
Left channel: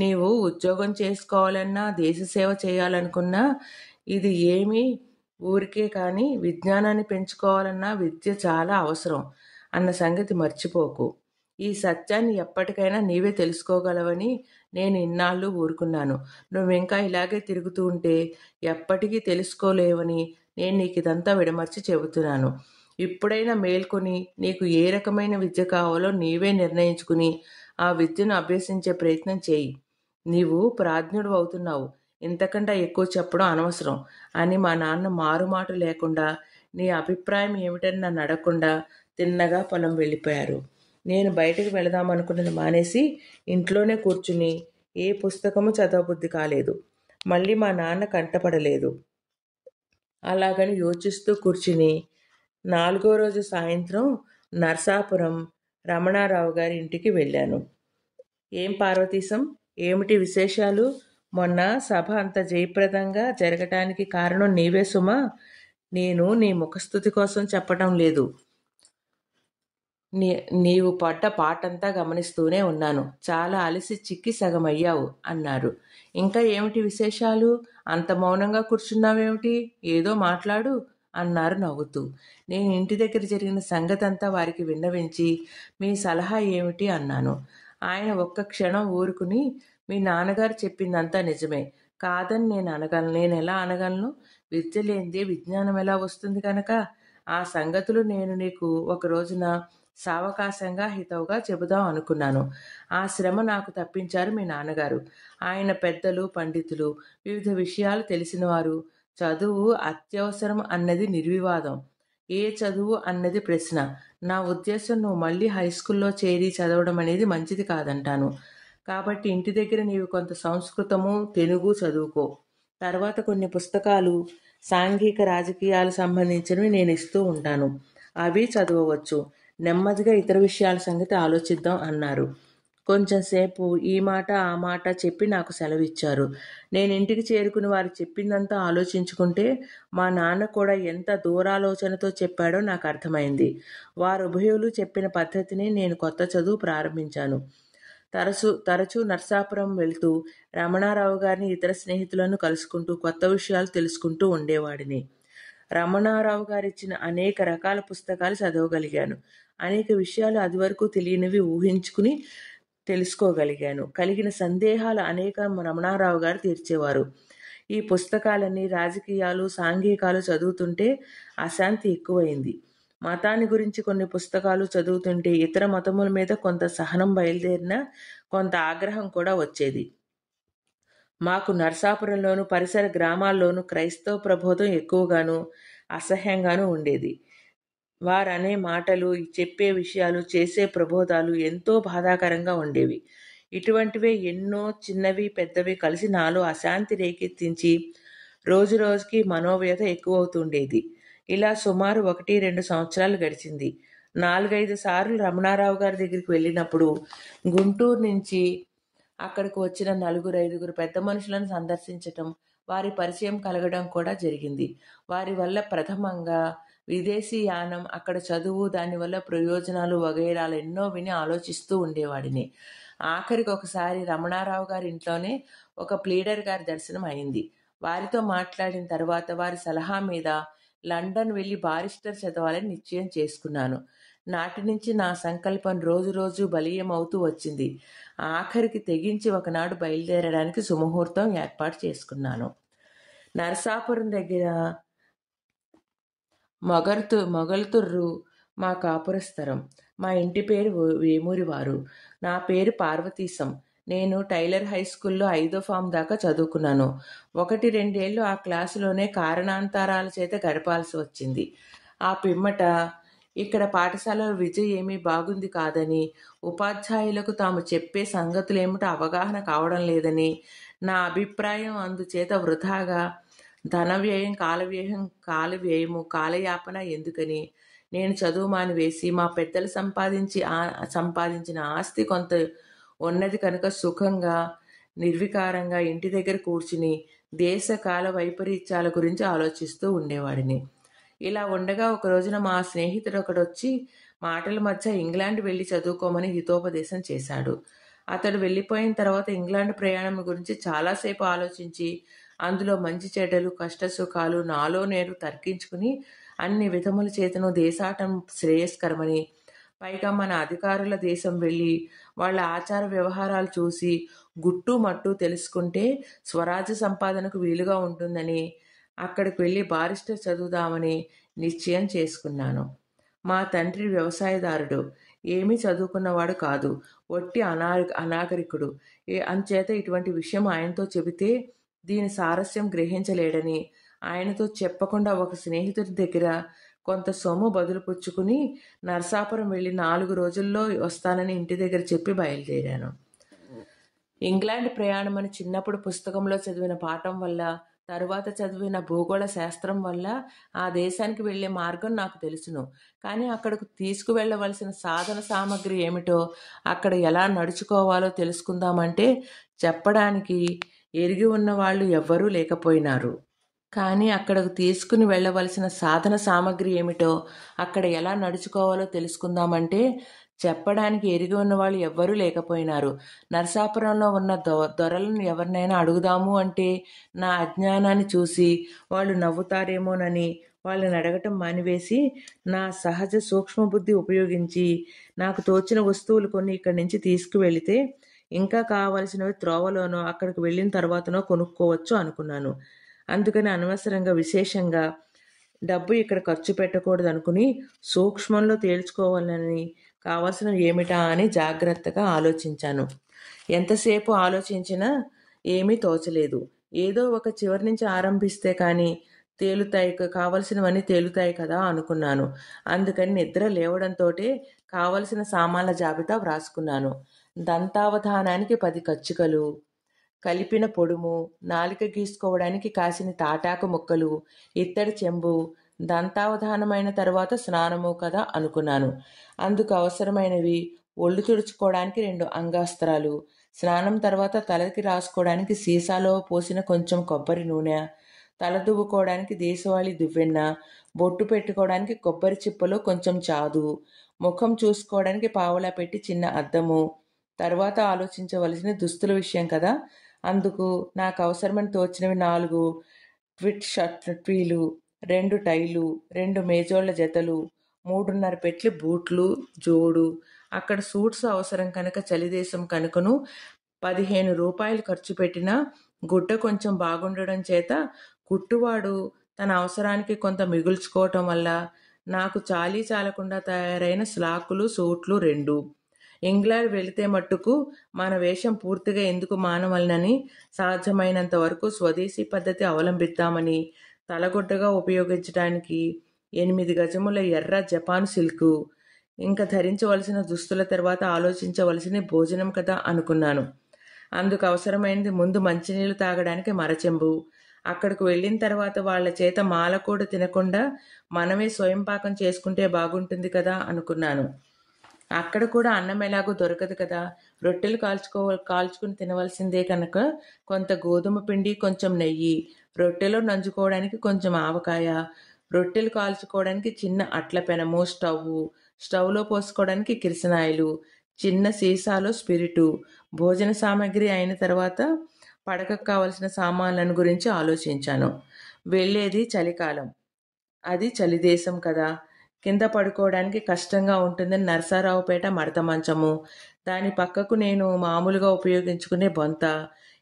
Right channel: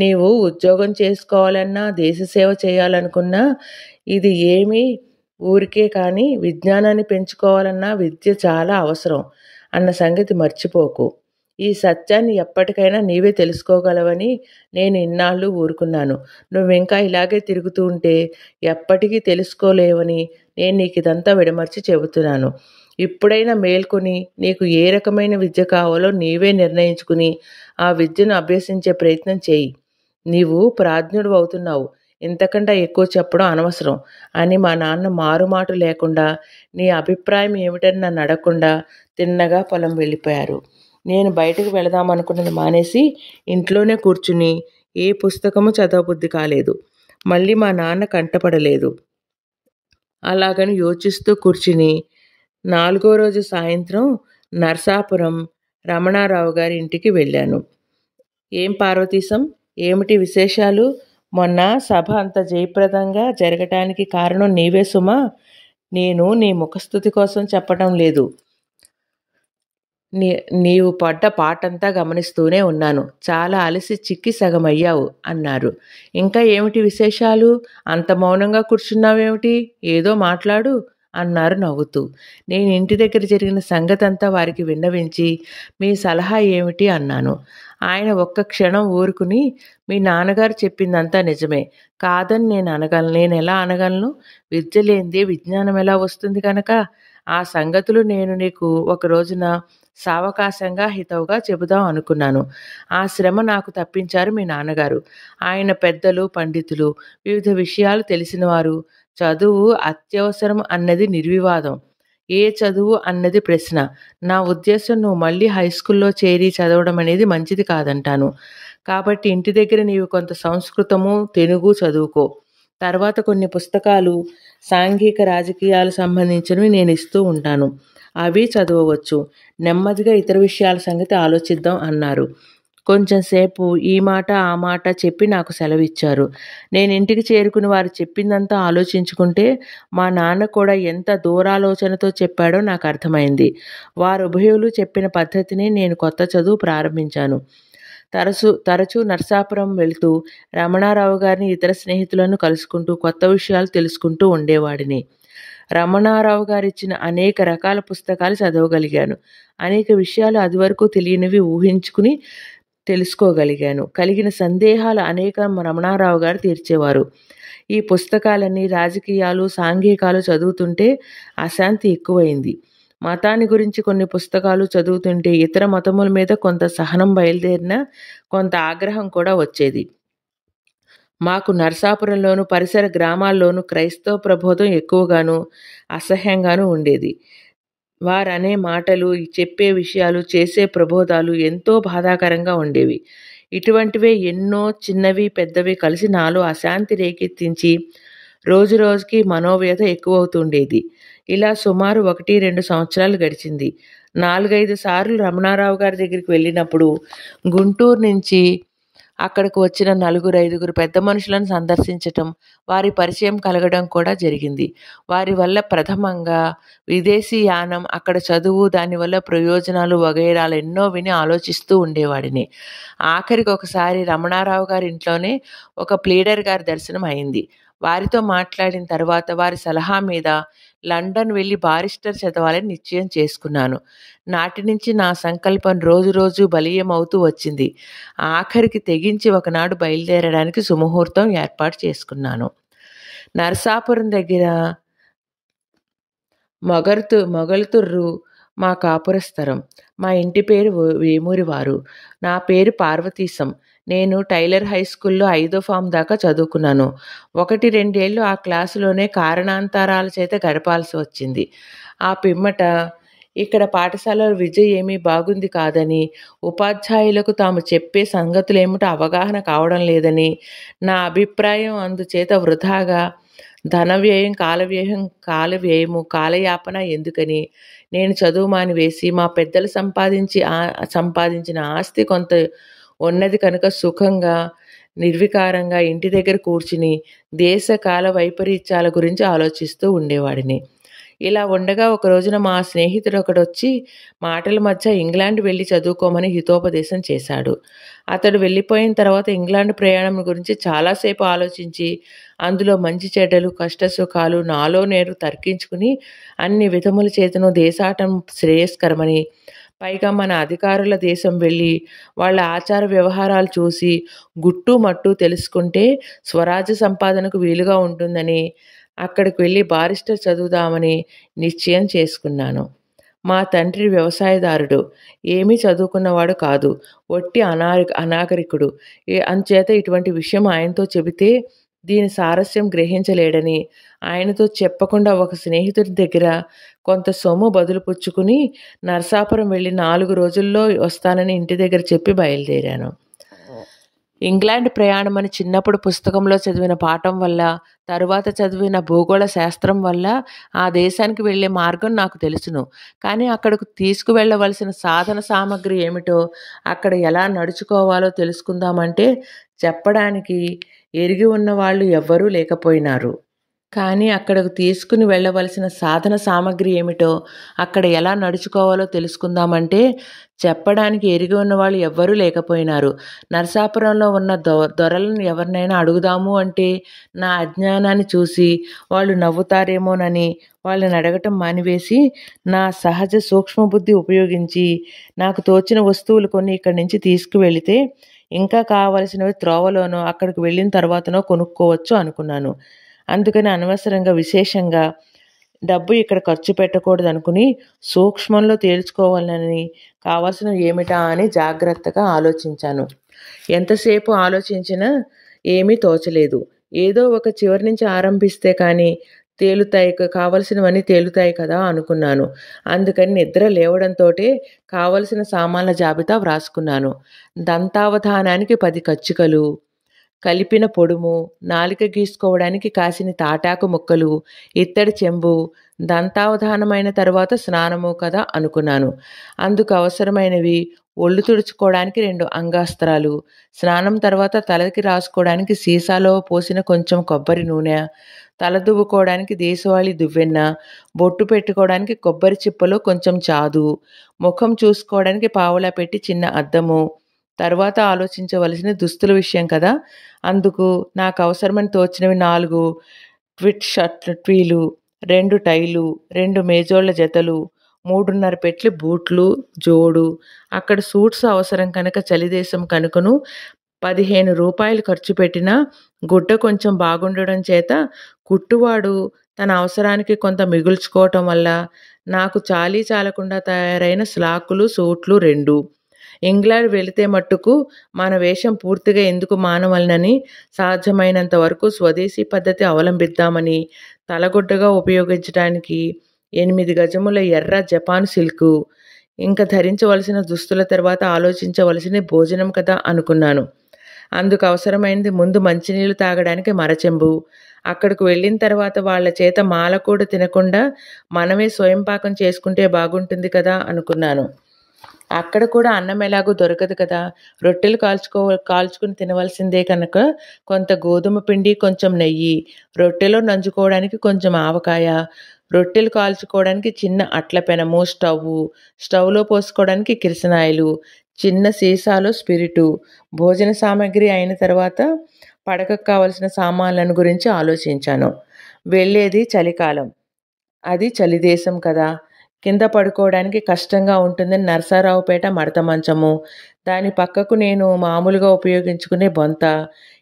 నీవు ఉద్యోగం చేసుకోవాలన్నా, దేశసేవ చేయాలనుకున్నా ఇది ఏమీ ఊరికే కానీ విజ్ఞానాన్ని పెంచుకోవాలన్నా విద్య చాలా అవసరం అన్న సంగతి మర్చిపోకు. ఈ సత్యాన్ని ఎప్పటికైనా నీవే తెలుసుకోగలవని నేను ఇన్నాళ్ళు ఊరుకున్నాను. నువ్వింకా ఇలాగే తిరుగుతూ ఉంటే ఎప్పటికీ తెలుసుకోలేవని నేను నీకిదంతా విడమర్చి చెబుతున్నాను. ఇప్పుడైనా మేల్కొని నీకు ఏ రకమైన విద్య కావాలో నీవే నిర్ణయించుకుని ఆ విద్యను అభ్యసించే ప్రయత్నం చేయి. నీవు ప్రాజ్ఞుడు అవుతున్నావు. ఇంతకంటే ఎక్కువ చెప్పడం అనవసరం అని మా నాన్న మారుమాటు లేకుండా నీ అభిప్రాయం ఏమిటని నన్ను అడగకుండా తిన్నగా పొలం వెళ్ళిపోయారు. నేను బయటకు వెళదామనుకున్నది మానేసి ఇంట్లోనే కూర్చుని ఏ పుస్తకము చదవబుద్ధి కాలేదు. మళ్ళీ మా నాన్న కంటపడలేదు. అలాగని యోచిస్తూ కూర్చుని 4వ రోజు సాయంత్రం నరసాపురం రమణారావు గారి ఇంటికి వెళ్ళాను. ఏం పార్వతీశం, ఏమిటి విశేషాలు? మొన్న సభ అంత జయప్రదంగా జరగటానికి కారణం నీవే సుమా. నేను నీ ముఖస్తుతి కోసం చెప్పటం లేదు. నీవు పడ్డ పాటంతా గమనిస్తూనే ఉన్నాను. చాలా అలసి చిక్కి సగమయ్యావు అన్నారు. ఇంకా ఏమిటి విశేషాలు? అంత మౌనంగా కూర్చున్నావేమిటి? ఏదో మాట్లాడు అన్నారు నవ్వుతూ. నేను ఇంటి దగ్గర జరిగిన సంగతంతా వారికి విన్నవించి మీ సలహా ఏమిటి అన్నాను. ఆయన ఒక్క క్షణం ఊరుకుని మీ నాన్నగారు చెప్పిందంతా నిజమే, కాదని నేను ఎలా అనగలను? విద్య లేనిదే విజ్ఞానం ఎలా వస్తుంది కనుక ఆ సంగతులు నేను నీకు ఒక రోజున సావకాశంగా హితవుగా చెబుదాం అనుకున్నాను. ఆ శ్రమ నాకు తప్పించారు మీ నాన్నగారు. ఆయన పెద్దలు, పండితులు, వివిధ విషయాలు తెలిసినవారు. చదువు అత్యవసరం అన్నది నిర్వివాదం. ఏ చదువు అన్నది ప్రశ్న. నా ఉద్దేశం నువ్వు మళ్ళీ హైస్కూల్లో చేరి చదవడం అనేది మంచిది కాదంటాను. కాబట్టి ఇంటి దగ్గర నీవు కొంత సంస్కృతము, తెలుగు చదువుకో. తర్వాత కొన్ని పుస్తకాలు సాంఘిక రాజకీయాలు సంబంధించినవి నేను ఇస్తూ ఉంటాను. అవి చదవవచ్చు. నెమ్మదిగా ఇతర విషయాల సంగతి ఆలోచిద్దాం అన్నారు. కొంచెంసేపు ఈ మాట ఆ మాట చెప్పి నాకు సెలవిచ్చారు. నేను ఇంటికి చేరుకుని వారు చెప్పిందంతా ఆలోచించుకుంటే మా నాన్న కూడా ఎంత దూరాలోచనతో చెప్పాడో నాకు అర్థమైంది. వారు ఉభయులు చెప్పిన పద్ధతిని నేను కొత్త చదువు ప్రారంభించాను. తరచూ నరసాపురం వెళుతూ రమణారావు గారిని, ఇతర స్నేహితులను కలుసుకుంటూ కొత్త విషయాలు తెలుసుకుంటూ ఉండేవాడిని. రమణారావు గారిచ్చిన అనేక రకాల పుస్తకాలు చదవగలిగాను. అనేక విషయాలు అదివరకు తెలియనివి ఊహించుకుని తెలుసుకోగలిగాను. కలిగిన సందేహాలు అనేకం రమణారావు గారు తీర్చేవారు. ఈ పుస్తకాలన్నీ రాజకీయాలు, సాంఘికాలు చదువుతుంటే అశాంతి ఎక్కువైంది. మతాన్ని గురించి కొన్ని పుస్తకాలు చదువుతుంటే ఇతర మతముల మీద కొంత సహనం బయలుదేరినా కొంత ఆగ్రహం కూడా వచ్చేది. మాకు నరసాపురంలోను పరిసర గ్రామాల్లోనూ క్రైస్తవ ప్రబోధం ఎక్కువగాను అసహ్యంగానూ ఉండేది. వారనే మాటలు, చెప్పే విషయాలు, చేసే ప్రబోధాలు ఎంతో బాధాకరంగా ఉండేవి. ఇటువంటివే ఎన్నో చిన్నవి పెద్దవి కలిసి నాలో అశాంతి రేకెత్తించి రోజురోజుకి మనోవ్యథ ఎక్కువవుతుండేది. ఇలా సుమారు 1-2 సంవత్సరాలు గడిచింది. 4-5 సార్లు రమణారావు గారి దగ్గరికి వెళ్ళినప్పుడు గుంటూరు నుంచి అక్కడికి వచ్చిన 4-5 పెద్ద మనుషులను సందర్శించటం, వారి పరిచయం కలగడం కూడా జరిగింది. వారి వల్ల ప్రథమంగా విదేశీ యానం, అక్కడ చదువు, దానివల్ల ప్రయోజనాలు వగైరాలు ఎన్నో విని ఆలోచిస్తూ ఉండేవాడిని. ఆఖరికి ఒకసారి రమణారావు గారి ఇంట్లోనే ఒక ప్లీడర్ గారి దర్శనం అయింది. వారితో మాట్లాడిన తర్వాత వారి సలహా మీద లండన్ వెళ్ళి బారిస్టర్ చదవాలని నిశ్చయం చేసుకున్నాను. నాటి నుంచి నా సంకల్పం రోజు బలీయమవుతూ వచ్చింది. ఆఖరికి తెగించి ఒకనాడు బయలుదేరడానికి సుముహూర్తం ఏర్పాటు చేసుకున్నాను. నరసాపురం దగ్గర మొగల్తుర్రు మా కాపురస్థరం. మా ఇంటి పేరు వేమూరివారు. నా పేరు పార్వతీశం. నేను టైలర్ హై స్కూల్లో 5వ ఫామ్ దాకా చదువుకున్నాను. 1, 2 ఏళ్ళు ఆ క్లాసులోనే కారణాంతరాల చేత గడపాల్సి వచ్చింది. ఆ పిమ్మట ఇక్కడ పాఠశాలలో విద్య ఏమీ బాగుంది కాదని, ఉపాధ్యాయులకు తాము చెప్పే సంగతులేమిటో అవగాహన కావడం లేదని నా అభిప్రాయం. అందుచేత వృథాగా ధనవ్యయం, కాలయాపన ఎందుకని నేను చదువు మానివేసి మా పెద్దలు సంపాదించిన ఆస్తి కొంత ఉన్నది కనుక సుఖంగా నిర్వికారంగా ఇంటి దగ్గర కూర్చుని దేశ కాల వైపరీత్యాల గురించి ఆలోచిస్తూ ఉండేవాడిని. ఇలా ఉండగా ఒక రోజున మా స్నేహితుడు ఒకడొచ్చి మాటల మధ్య ఇంగ్లాండ్ వెళ్ళి చదువుకోమని హితోపదేశం చేశాడు. అతడు వెళ్ళిపోయిన తర్వాత ఇంగ్లాండ్ ప్రయాణం గురించి చాలాసేపు ఆలోచించి అందులో మంచి చెడ్డలు, కష్టసుఖాలు నాలో నేను తర్కించుకుని అన్ని విధముల చేతను దేశాటం శ్రేయస్కరమని, పైగా మన అధికారుల దేశం వెళ్ళి వాళ్ళ ఆచార వ్యవహారాలు చూసి గుట్టు మట్టు తెలుసుకుంటే స్వరాజ్య సంపాదనకు వీలుగా ఉంటుందని అక్కడికి వెళ్ళి బారిస్టర్ చదువుదామని నిశ్చయం చేసుకున్నాను. మా తండ్రి వ్యవసాయదారుడు. ఏమీ చదువుకున్నవాడు కాదు. ఒట్టి అనాగరికుడు. అంచేత ఇటువంటి విషయం ఆయనతో చెబితే దీని సారస్యం గ్రహించలేడని ఆయనతో చెప్పకుండా ఒక స్నేహితుడి దగ్గర కొంత సొమ్ము బదులు పుచ్చుకుని నరసాపురం వెళ్ళి 4 రోజుల్లో వస్తానని ఇంటి దగ్గర చెప్పి బయలుదేరాను. ఇంగ్లాండ్ ప్రయాణం అని చిన్నప్పుడు పుస్తకంలో చదివిన పాఠం వల్ల, తరువాత చదివిన భూగోళ శాస్త్రం వల్ల ఆ దేశానికి వెళ్ళే మార్గం నాకు తెలుసును. కానీ అక్కడకు తీసుకువెళ్ళవలసిన సాధన సామగ్రి ఏమిటో, అక్కడ ఎలా నడుచుకోవాలో తెలుసుకుందామంటే చెప్పడానికి ఎరిగి ఉన్న వాళ్ళు ఎవ్వరూ లేకపోయినారు. కానీ అక్కడకు తీసుకుని వెళ్ళవలసిన సాధన సామగ్రి ఏమిటో, అక్కడ ఎలా నడుచుకోవాలో తెలుసుకుందామంటే చెప్పడానికి ఎరిగి ఉన్నవాళ్ళు ఎవ్వరూ లేకపోయినారు. నరసాపురంలో ఉన్న దొరలను ఎవరినైనా అడుగుదాము అంటే నా అజ్ఞానాన్ని చూసి వాళ్ళు నవ్వుతారేమోనని వాళ్ళని అడగటం మానివేసి నా సహజ సూక్ష్మబుద్ధి ఉపయోగించి నాకు తోచిన వస్తువులు కొన్ని ఇక్కడి నుంచి తీసుకువెళితే ఇంకా కావలసినవి త్రోవలోనో అక్కడికి వెళ్ళిన తర్వాతనో కొనుక్కోవచ్చు అనుకున్నాను. అందుకని అనవసరంగా విశేషంగా డబ్బు ఇక్కడ ఖర్చు పెట్టకూడదు అనుకుని సూక్ష్మంలో తేల్చుకోవాలని కావాల్సినవి ఏమిటా అని జాగ్రత్తగా ఆలోచించాను. ఎంతసేపు ఆలోచించినా ఏమీ తోచలేదు. ఏదో ఒక చివరి నుంచి ఆరంభిస్తే కానీ కావలసినవన్నీ తేలుతాయి కదా అనుకున్నాను. అందుకని నిద్ర లేవడంతోటే కావలసిన సామాన్ల జాబితా వ్రాసుకున్నాను. దంతావధానానికి 10 కచ్చికలు, కలిపిన పొడుము, నాలిక గీసుకోవడానికి కాసిన తాటాకు ముక్కలు, ఇత్తడి చెంబు. దంతావధానమైన తర్వాత స్నానము కదా అనుకున్నాను. అందుకు అవసరమైనవి ఒళ్ళు తుడుచుకోవడానికి 2 అంగాస్త్రాలు, స్నానం తర్వాత తలకి రాసుకోవడానికి సీసాలో పోసిన కొంచెం కొబ్బరి నూనె, తల దువ్వుకోవడానికి దేశవాళీ దువ్వెన్న, బొట్టు పెట్టుకోవడానికి కొబ్బరి చిప్పలో కొంచెం చాదు, ముఖం చూసుకోవడానికి పావలా పెట్టి చిన్న అద్దము. తర్వాత ఆలోచించవలసిన దుస్తుల విషయం కదా. అందుకు నాకు అవసరమని తోచినవి 4 ట్విట్ ట్వీలు, 2 టైలు, 2 మేజోళ్ల జతలు, 3.5 పెట్లు బూట్లు జోడు. అక్కడ సూట్స్ అవసరం కనుక చలిదేశం కనుకను 15 రూపాయలు ఖర్చు పెట్టినా గుడ్డ కొంచెం బాగుండడం చేత కుట్టువాడు తన అవసరానికి కొంత మిగుల్చుకోవటం వల్ల నాకు చాలీ చాలకుండా తయారైన స్లాకులు, సూట్లు 2. ఇంగ్లాండ్ వెళితే మట్టుకు మన వేషం పూర్తిగా ఎందుకు మానవలనని సాధ్యమైనంత వరకు స్వదేశీ పద్ధతి అవలంబిద్దామని తలగుడ్డగా ఉపయోగించడానికి 8 గజముల ఎర్ర జపాన్ సిల్కు, ఇంకా ధరించవలసిన దుస్తుల తర్వాత ఆలోచించవలసిన భోజనం కదా అనుకున్నాను. అందుకు అవసరమైనది ముందు మంచినీళ్ళు తాగడానికి మరచెంబు. అక్కడికి వెళ్ళిన తర్వాత వాళ్ళ చేత మాల కూడా తినకుండా మనమే స్వయం పాకం చేసుకుంటే బాగుంటుంది కదా అనుకున్నాను. అక్కడ కూడా అన్నం ఎలాగూ దొరకదు కదా, రొట్టెలు కాల్చుకుని తినవలసిందే కనుక కొంత గోధుమ పిండి, కొంచెం నెయ్యి, రొట్టెలో నంజుకోవడానికి కొంచెం ఆవకాయ, రొట్టెలు కాల్చుకోవడానికి చిన్న అట్ల పెనము, స్టవ్లో పోసుకోవడానికి కిరసనాయిలు, చిన్న సీసాలో స్పిరిటు. భోజన సామాగ్రి అయిన తర్వాత పడకకు కావలసిన సామాన్లను గురించి ఆలోచించాను. వెళ్ళేది చలికాలం, అది చలిదేశం కదా. కింద పడుకోవడానికి కష్టంగా ఉంటుందని నరసరావుపేట మడత మంచము, దాని పక్కకు నేను మామూలుగా ఉపయోగించుకునే బొంత,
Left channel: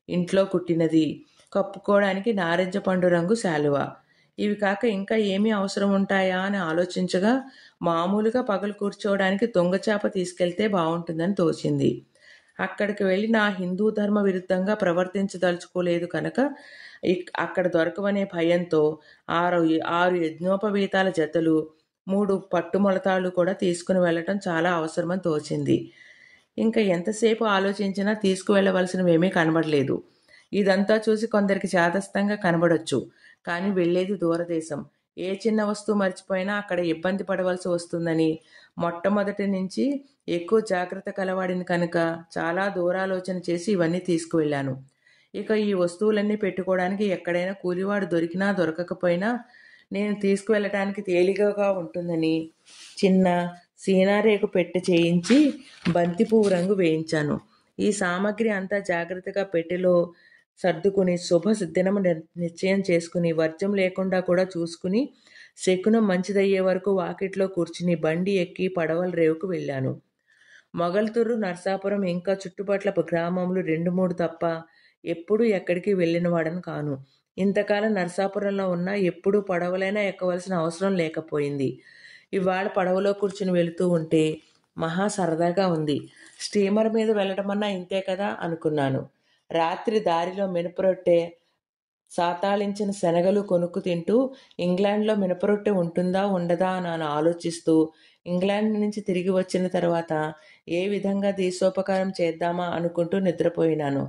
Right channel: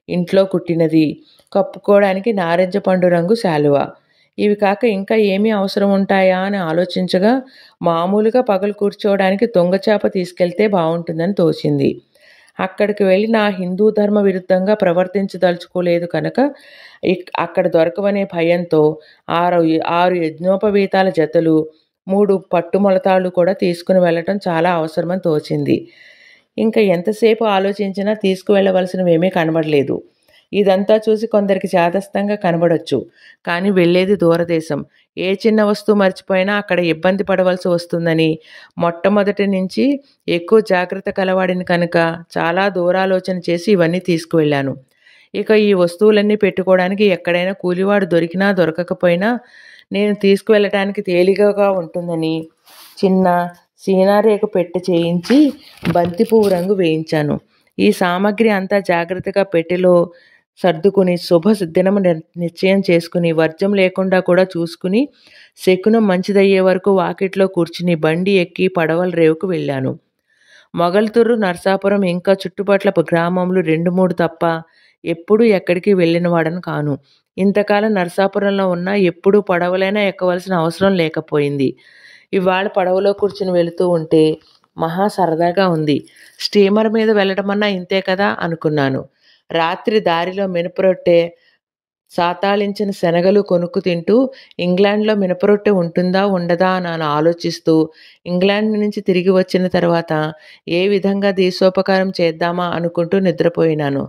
ఇంట్లో కుట్టినది, కప్పుకోవడానికి నారింజ పండు రంగు శాలువ. ఇవి కాక ఇంకా ఏమీ అవసరం ఉంటాయా అని ఆలోచించగా మామూలుగా పగలు కూర్చోవడానికి దొంగచాప తీసుకెళ్తే బాగుంటుందని తోచింది. అక్కడికి వెళ్ళి నా హిందూ ధర్మ విరుద్ధంగా ప్రవర్తించదలుచుకోలేదు కనుక అక్కడ దొరకవనే భయంతో 6 యజ్ఞోపవీతాల జతలు, 3 పట్టుమొలతాళ్ళు కూడా తీసుకుని వెళ్ళటం చాలా అవసరమని తోచింది. ఇంకా ఎంతసేపు ఆలోచించినా తీసుకువెళ్ళవలసినవేమీ కనబడలేదు. ఇదంతా చూసి కొందరికి చాదస్తంగా కనబడొచ్చు, కానీ వెళ్ళేది దూరదేశం. ఏ చిన్న వస్తువు మర్చిపోయినా అక్కడ ఇబ్బంది పడవలసి వస్తుందని మొట్టమొదటి నుంచి ఎక్కువ జాగ్రత్త కలవాడిని కనుక చాలా దూరాలోచన చేసి ఇవన్నీ తీసుకువెళ్ళాను. ఇక ఈ వస్తువులన్నీ పెట్టుకోవడానికి ఎక్కడైనా కూలివాడు దొరికినా దొరకకపోయినా నేను తీసుకువెళ్ళటానికి తేలికగా ఉంటుందని చిన్న సీనారేకు పెట్టె చేయించి బంతిపువ్వు రంగు వేయించాను. ఈ సామాగ్రి అంతా జాగ్రత్తగా పెట్టెలో సర్దుకుని దినము నిశ్చయం చేసుకుని వర్జం లేకుండా కూడా చూసుకుని శకునం మంచిదయ్యే వరకు వాకిట్లో కూర్చుని బండి ఎక్కి పడవల రేవుకు వెళ్ళాను. మొగల్తూరు, నరసాపురం ఇంకా చుట్టుపట్ల గ్రామములు 2-3 తప్ప ఎప్పుడూ ఎక్కడికి వెళ్ళినవాడను కాను. ఇంతకాలం నరసాపురంలో ఉన్నా ఎప్పుడూ పడవలైనా ఎక్కవలసిన అవసరం లేకపోయింది. ఇవాళ పడవలో కూర్చుని వెళుతూ ఉంటే మహా సరదాగా ఉంది. స్టీమర్ మీద వెళ్ళటమన్నా ఇంతే కదా అనుకున్నాను. రాత్రి దారిలో మినపరొట్టె, సాతాళించిన శనగలు కొనుక్కు తింటూ ఇంగ్లాండ్లో మినపరొట్టె ఉంటుందా ఉండదా అని ఆలోచిస్తూ ఇంగ్లాండ్ నుంచి తిరిగి వచ్చిన తర్వాత ఏ విధంగా దేశోపకారం చేద్దామా అనుకుంటూ నిద్రపోయినాను.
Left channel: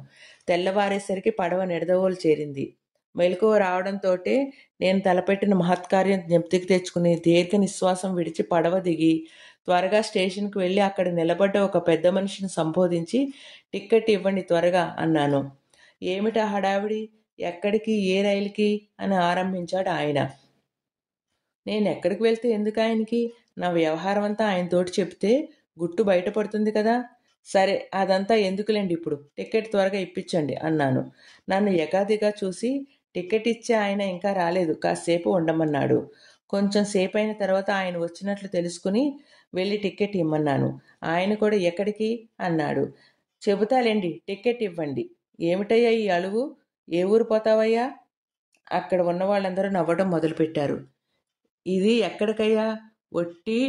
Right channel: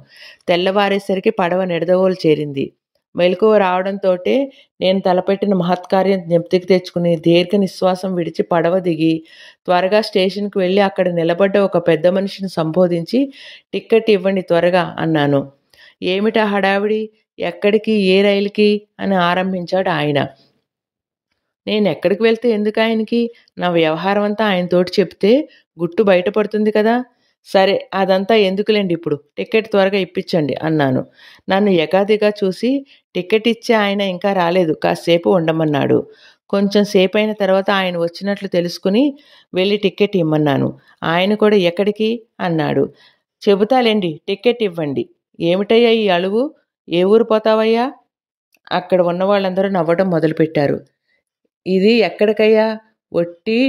తెల్లవారేసరికి పడవ నిడదవోలు చేరింది. మెలకువ రావడంతోటే నేను తలపెట్టిన మహత్కార్యం జ్ఞప్తికి తెచ్చుకుని దీర్ఘ నిశ్వాసం విడిచి పడవ దిగి త్వరగా స్టేషన్కి వెళ్ళి అక్కడ నిలబడ్డ ఒక పెద్ద మనిషిని సంబోధించి టిక్కెట్ ఇవ్వండి త్వరగా అన్నాను. ఏమిటా హడావిడి, ఎక్కడికి, ఏ రైలుకి అని ఆరంభించాడు ఆయన. నేను ఎక్కడికి వెళ్తే ఎందుకు ఆయనకి? నా వ్యవహారం అంతా ఆయనతోటి చెప్తే గుట్టు బయటపడుతుంది కదా. సరే, అదంతా ఎందుకులేండి, ఇప్పుడు టికెట్ త్వరగా ఇప్పించండి అన్నాను. నన్ను ఎగాదిగా చూసి టికెట్ ఇచ్చే ఆయన ఇంకా రాలేదు, కాసేపు ఉండమన్నాడు. కొంచెం సేపు అయిన తర్వాత ఆయన వచ్చినట్లు తెలుసుకుని వెళ్ళి టికెట్ ఇమ్మన్నాను. ఆయన కూడా ఎక్కడికి అన్నాడు. చెబుతాలేండి, టికెట్ ఇవ్వండి. ఏమిటయ్యా ఈ అలువు, ఏ ఊరు పోతావయ్యా? అక్కడ ఉన్న వాళ్ళందరూ నవ్వడం మొదలుపెట్టారు. ఇది ఎక్కడికయ్యా? ఒట్టి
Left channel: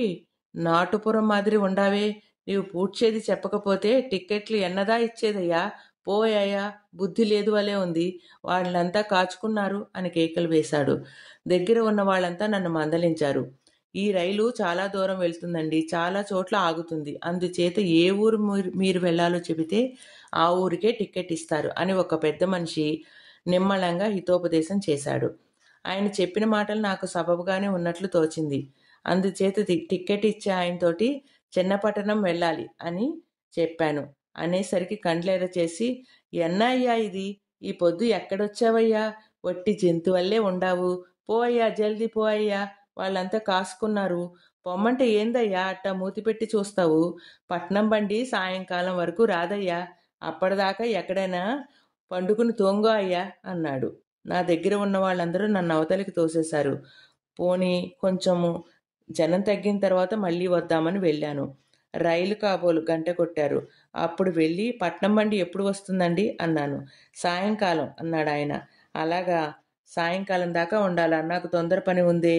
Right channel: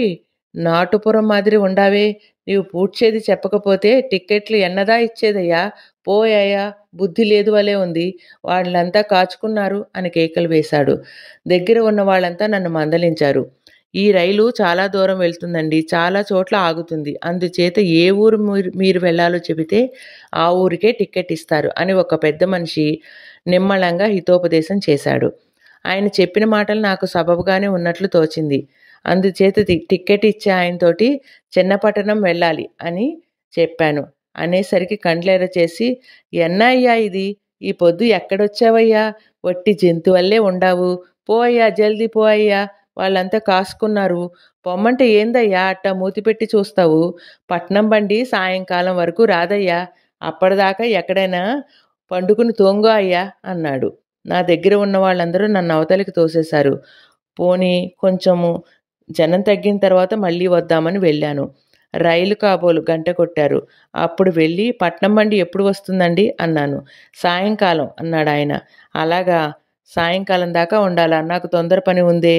నాటుపురం మాదిరి ఉండావే, నీవు పూడ్చేది చెప్పకపోతే టిక్కెట్లు ఎన్నదా ఇచ్చేదయ్యా? పోయాయా, బుద్ధి లేదు వలే ఉంది, వాళ్ళంతా కాచుకున్నారు అని కేకలు వేశాడు. దగ్గర ఉన్న వాళ్ళంతా నన్ను మందలించారు. ఈ రైలు చాలా దూరం వెళ్తుందండి, చాలా చోట్ల ఆగుతుంది, అందుచేత ఏ ఊరు మీరు వెళ్ళాలో చెబితే ఆ ఊరికే టిక్కెట్ ఇస్తారు అని ఒక పెద్ద మనిషి నిమ్మళంగా హితోపదేశం చేశాడు. ఆయన చెప్పిన మాటలు నాకు సబబుగానే ఉన్నట్లు తోచింది. అందుచేత టిక్కెట్ ఇచ్చే ఆయనతోటి చిన్నపట్టణం వెళ్ళాలి అని చెప్పాను. అనేసరికి కండ్లెర్ర చేసి, ఎన్నయ్యా ఇది, ఈ పొద్దు ఎక్కడొచ్చావయ్యా? వట్టి జంతువల్లే ఉండావు, పో అయ్యా, జల్దీ పో అయ్యా, వాళ్ళంతా కాసుకున్నారు, పొమ్మంటే ఏందయ్యా అట్టా మూతిపెట్టి చూస్తావు? పట్నం బండి సాయంకాలం వరకు రాదయ్యా, అప్పటిదాకా ఎక్కడైనా పండుకుని తోంగో అయ్యా అన్నాడు. నా దగ్గర ఉన్న వాళ్ళందరూ నన్ను అవతలికి తోసేశారు. పోనీ కొంచెము జనం తగ్గిన తర్వాత మళ్ళీ వద్దామని వెళ్ళాను. రైలు కాబోలు గంట కొట్టారు. అప్పుడు వెళ్ళి పట్నం బండి ఎప్పుడు వస్తుందండి అన్నాను. సాయంకాలం అన్నాడు ఆయన. అలాగా, సాయంకాలం దాకా ఉండాలా? నాకు తొందర పని ఉందే.